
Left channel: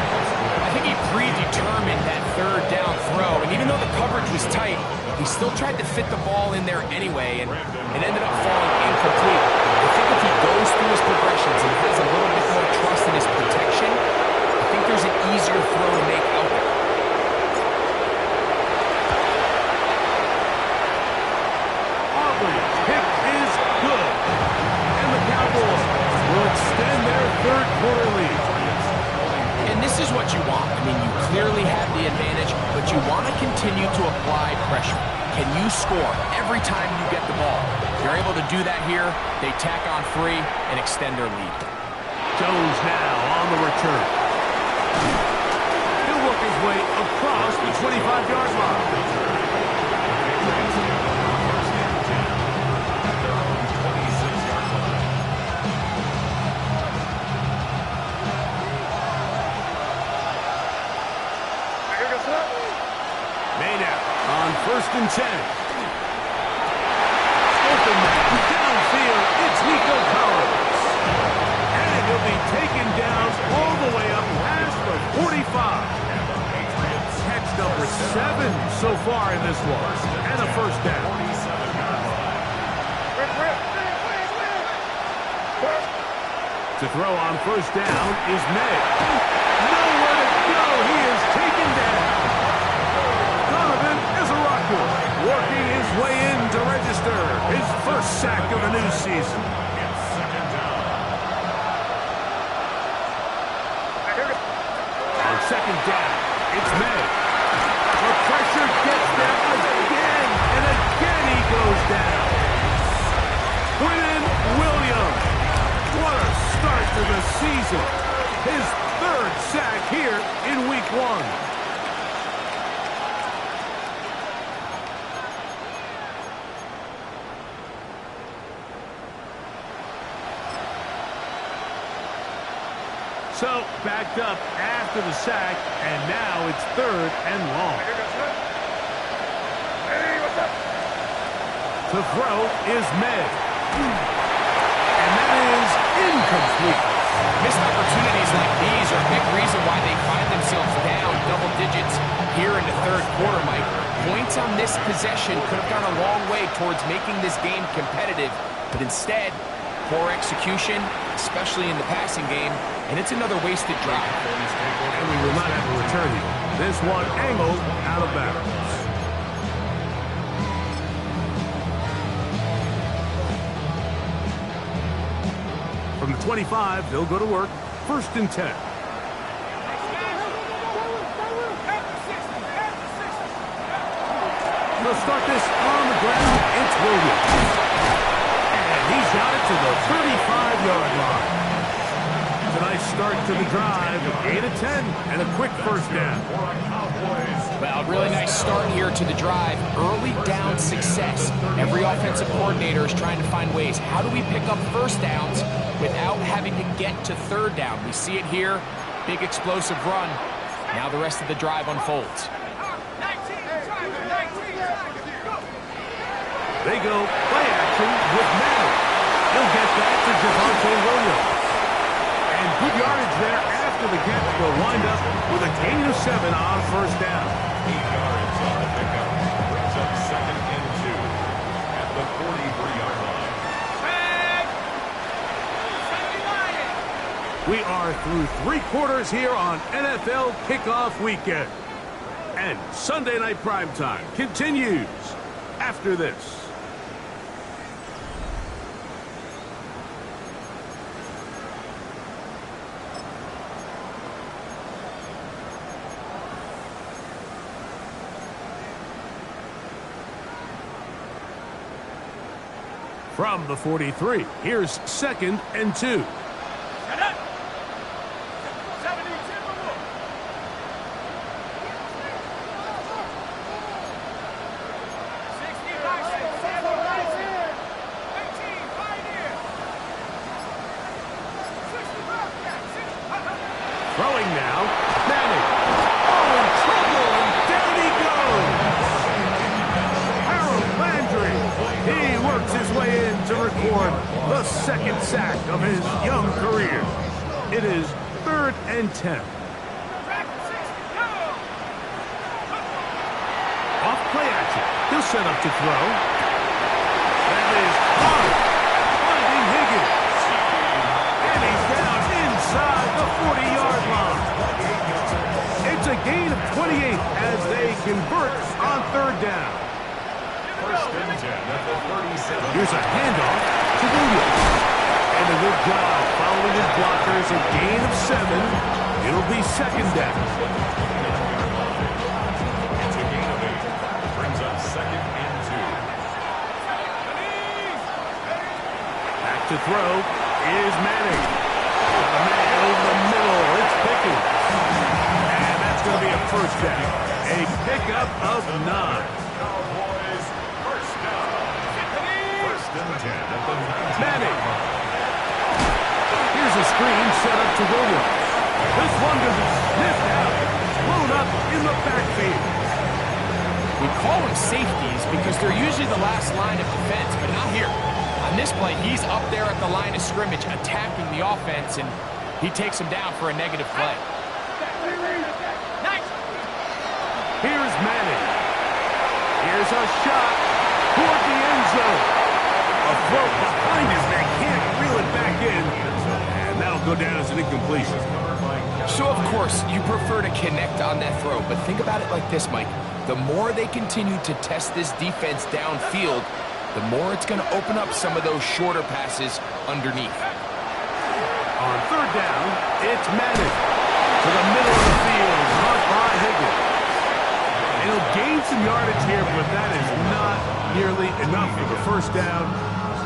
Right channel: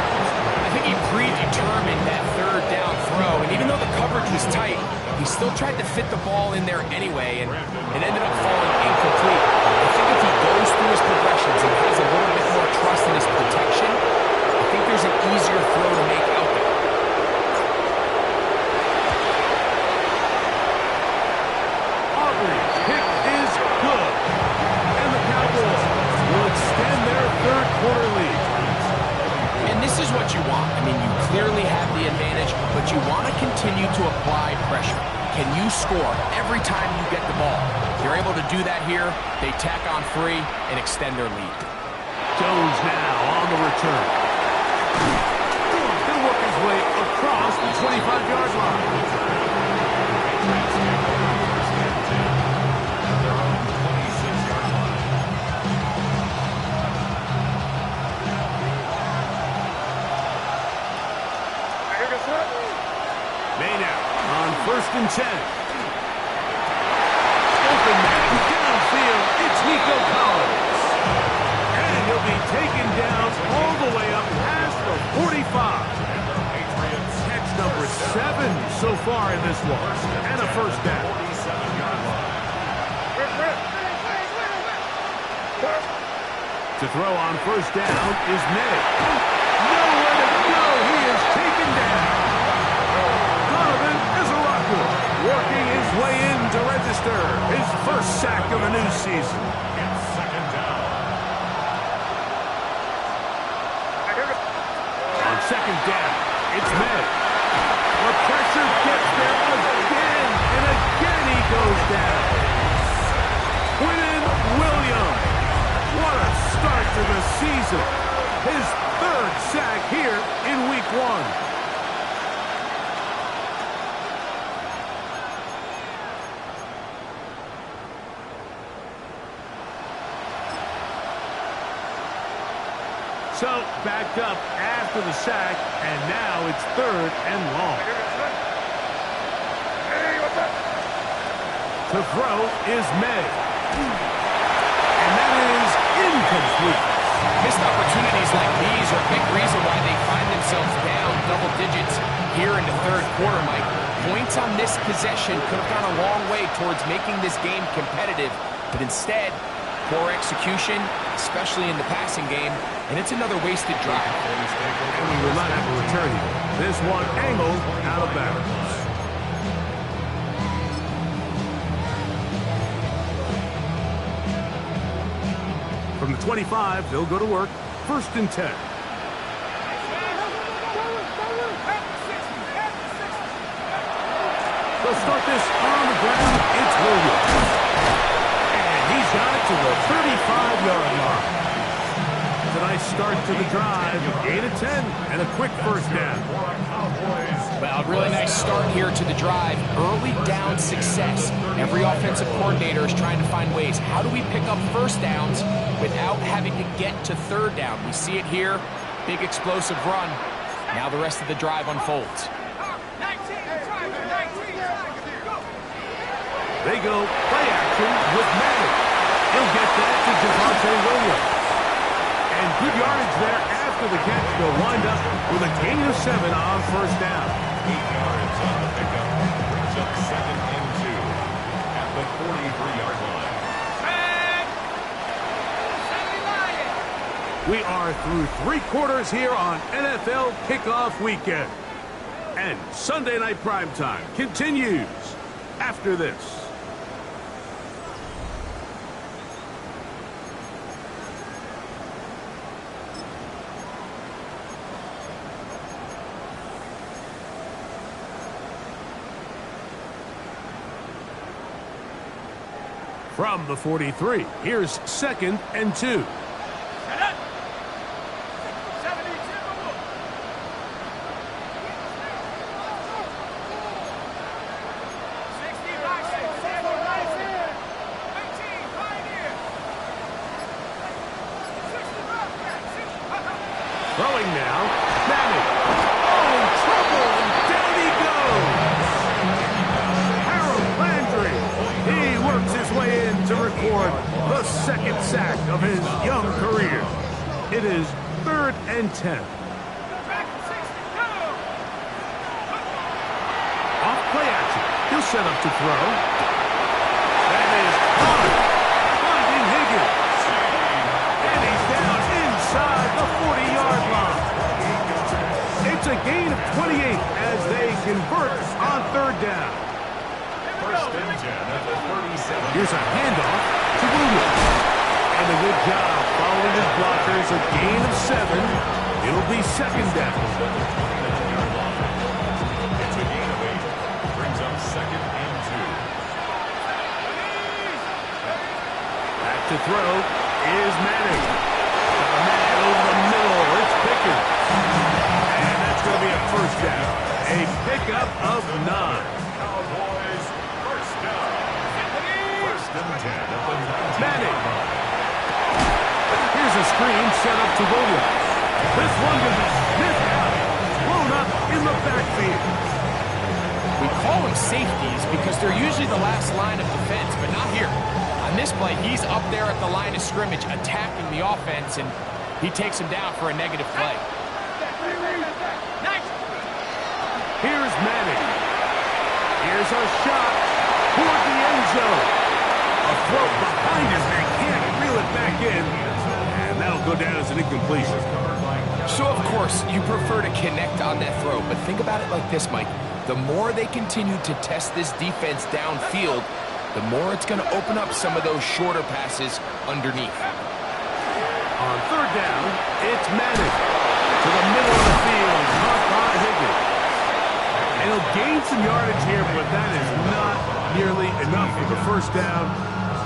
I think he predetermined that third down throw, and even though the coverage was tight, he still tried to fit the ball in there anyway, and it ended up falling incomplete. I think if he goes through his progressions and has a little bit more trust in his protection, I think there's an easier throw to make out there. Aubrey's pick is good. And the Cowboys will extend their third quarter lead. And this is what you want. I mean, you clearly have the advantage, but you want to continue to apply pressure. Can you score every time you get the ball? They're able to do that here. They tack on 3 and extend their lead. Jones now on the return. He'll work his way across the 25-yard line. Patriots give over first and 10 at their own 26-yard line. Maynard on first and 10. Open man downfield. It's Nico Collins. And he'll be taken down all the way up past the 45. And the Patriots Catch number 7 so far in this one. And a first down. 47-yard line. To throw on first down is May. Nowhere to go. He is taken down. Donovan Izaraku working his way in to register his first sack of the new season. It's second down. On second down, it's May. The pressure gets there again, and again he goes down. Quinnen Williams. What a start to the season. His third sack here in week 1. So, backed up after the sack, and now it's third and long. To throw is May. And that is incomplete. Missed opportunities like these are a big reason why they find themselves down double digits here in the third quarter, Mike. Points on this possession could have gone a long way towards making this game competitive, but instead, poor execution, especially in the passing game, and it's another wasted drive. And we will not have a return here. This one angled out of bounds. From the 25, they'll go to work. First and 10. They'll start this on the ground. It's Williams. And he's got it to the 35-yard line. It's a nice start to the drive. 8 of 10 and a quick first down. Well, a really nice start here to the drive. Early down success. Every offensive coordinator is trying to find ways. How do we pick up first downs without having to get to third down? We see it here. Big explosive run. Now the rest of the drive unfolds. They go play action with Madden. He'll get that to Javonte Williams. And good yardage there after the catch. They'll wind up with a gain of 7 on first down. 8 yards on the pickup. Brings up second and 2 at the 43-yard line. We are through 3 quarters here on NFL Kickoff Weekend. And Sunday Night Primetime continues after this. From the 43, here's second and 2. Throwing now, Manning. Oh, in trouble, and down he goes. Harold Landry, he works his way in to recover record the second sack of his young career. It is 3rd and 10. Off play action. He'll set up to throw. That is hard. Finding Higgins. And he's down inside the 40-yard line. It's a gain of 28 as they convert on 3rd down. First and 10 at the 37. Here's a handoff to Williams. And a good job following his blockers. A gain of 7. It'll be 2nd down. Yard line. It's a gain of 8. Brings up 2nd and 2. Back to throw is Manning. Got a man over the middle. It's Pickens. And that's going to be a 1st down. A pickup of 9. Cowboys first down. First and 10 at the 19. Manning. Here's a screen set up to Williams. This one going to be sniffed out. Blown up in the backfield. We call them safeties because they're usually the last line of defense, but not here. On this play, he's up there at the line of scrimmage attacking the offense, and he takes him down for a negative play. Here's Manning. Here's a shot toward the end zone. A throw behind his man. Can't reel it back in. And that'll go down as an incompletion. So, of course, you prefer to connect on that throw, but think about it like this, Mike. The more they continue to test this defense downfield, the more it's going to open up some of those shorter passes underneath. On 3rd down, it's Madden to the middle of the field, caught by Higgins. And he'll gain some yardage here, but that is not nearly enough for the 1st down.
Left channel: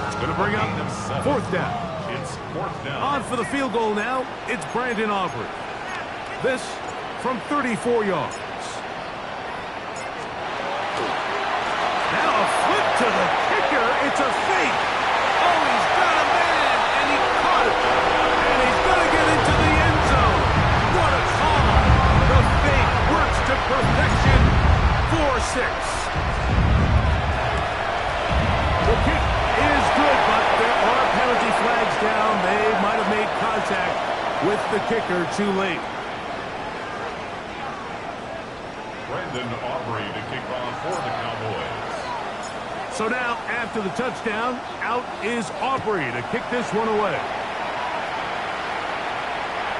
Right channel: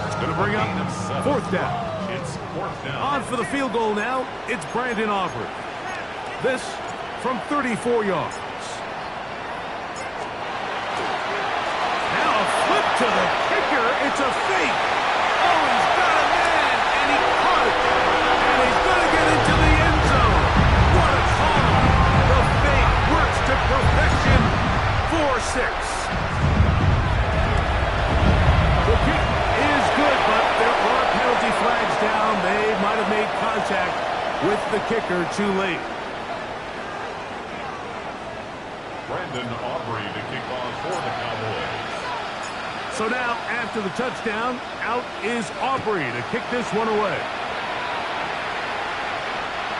It's going to bring up 4th down. It's 4th down. On for the field goal now, it's Brandon Aubrey. This from 34 yards. Now a flip to the kicker. It's a fake. Oh, he's got a man, and he caught it. And he's going to get into the end zone. What a call. The fake works to perfection. 4-6. The kick is good, but there are penalty flags down. They might have made contact with the kicker too late. Brandon Aubrey to kick off for the Cowboys. So now, after the touchdown, out is Aubrey to kick this one away.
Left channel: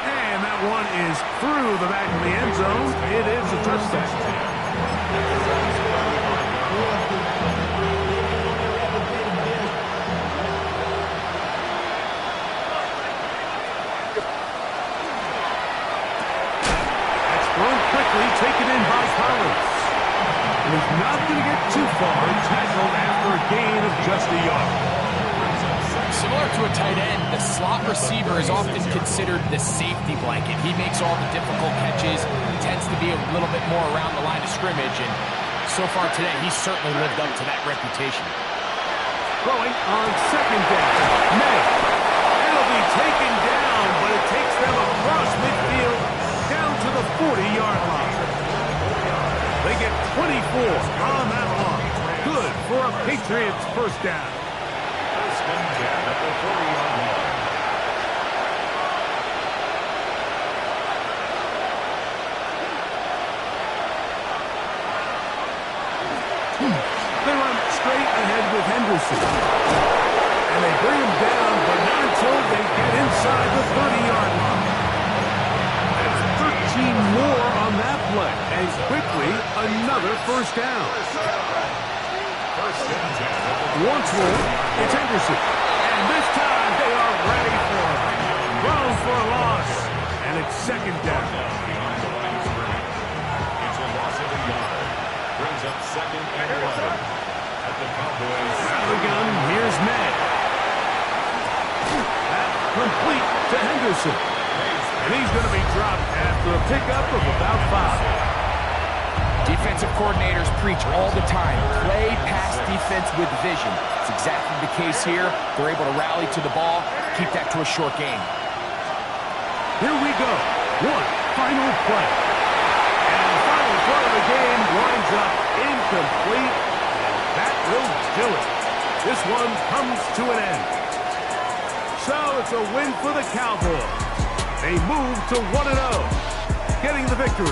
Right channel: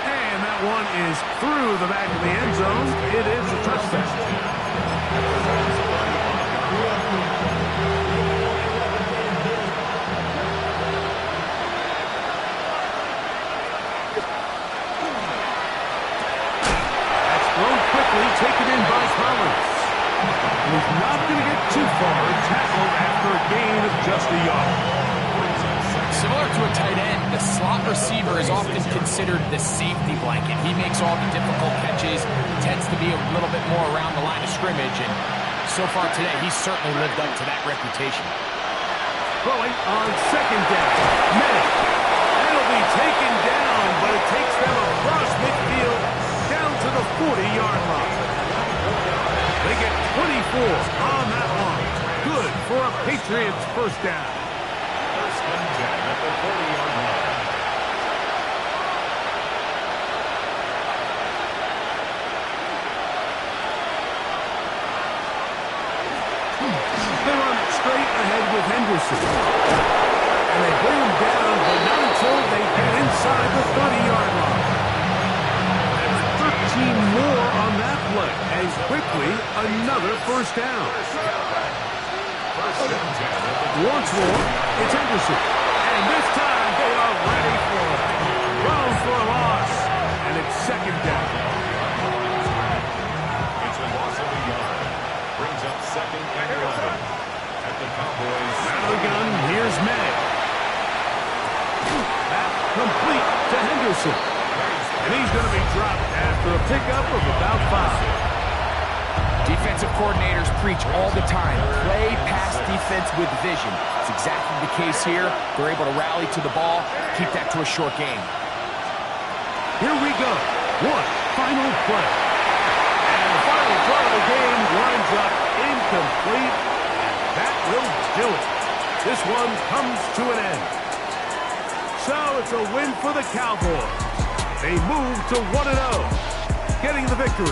And that one is through the back of the end zone. It is a touchdown. That's thrown quickly, taken in by Collins. And he's not going to get too far, tackled after a gain of just a yard. Similar to a tight end, the slot receiver is often considered the safety blanket. He makes all the difficult catches, tends to be a little bit more around the line of scrimmage, and so far today, he's certainly lived up to that reputation. Throwing on 2nd down. May. It'll be taken down, but it takes them across midfield down to the 40-yard line. They get 24 on that one. Good for a Patriots 1st down. 1st and 10 at the 40-yard line. They run straight ahead with Henderson. And they bring him down, but not until they get inside the 30-yard line. That's 13 more on that play. And quickly, another 1st down. Once more, it's Henderson. And this time, they are ready for him. Thrown for a loss. And it's 2nd down. It's a loss of a yard. Brings up 2nd and 11. At the Cowboys. Out of the gun, here's May. That complete to Henderson. And he's going to be dropped after a pickup of about 5. Defensive coordinators preach all the time, play pass defense with vision. It's exactly the case here. They're able to rally to the ball, keep that to a short game. Here we go. One final play. And the final throw of the game winds up incomplete. And that will do it. this one comes to an end. So it's a win for the Cowboys. They move to 1-0, getting the victory.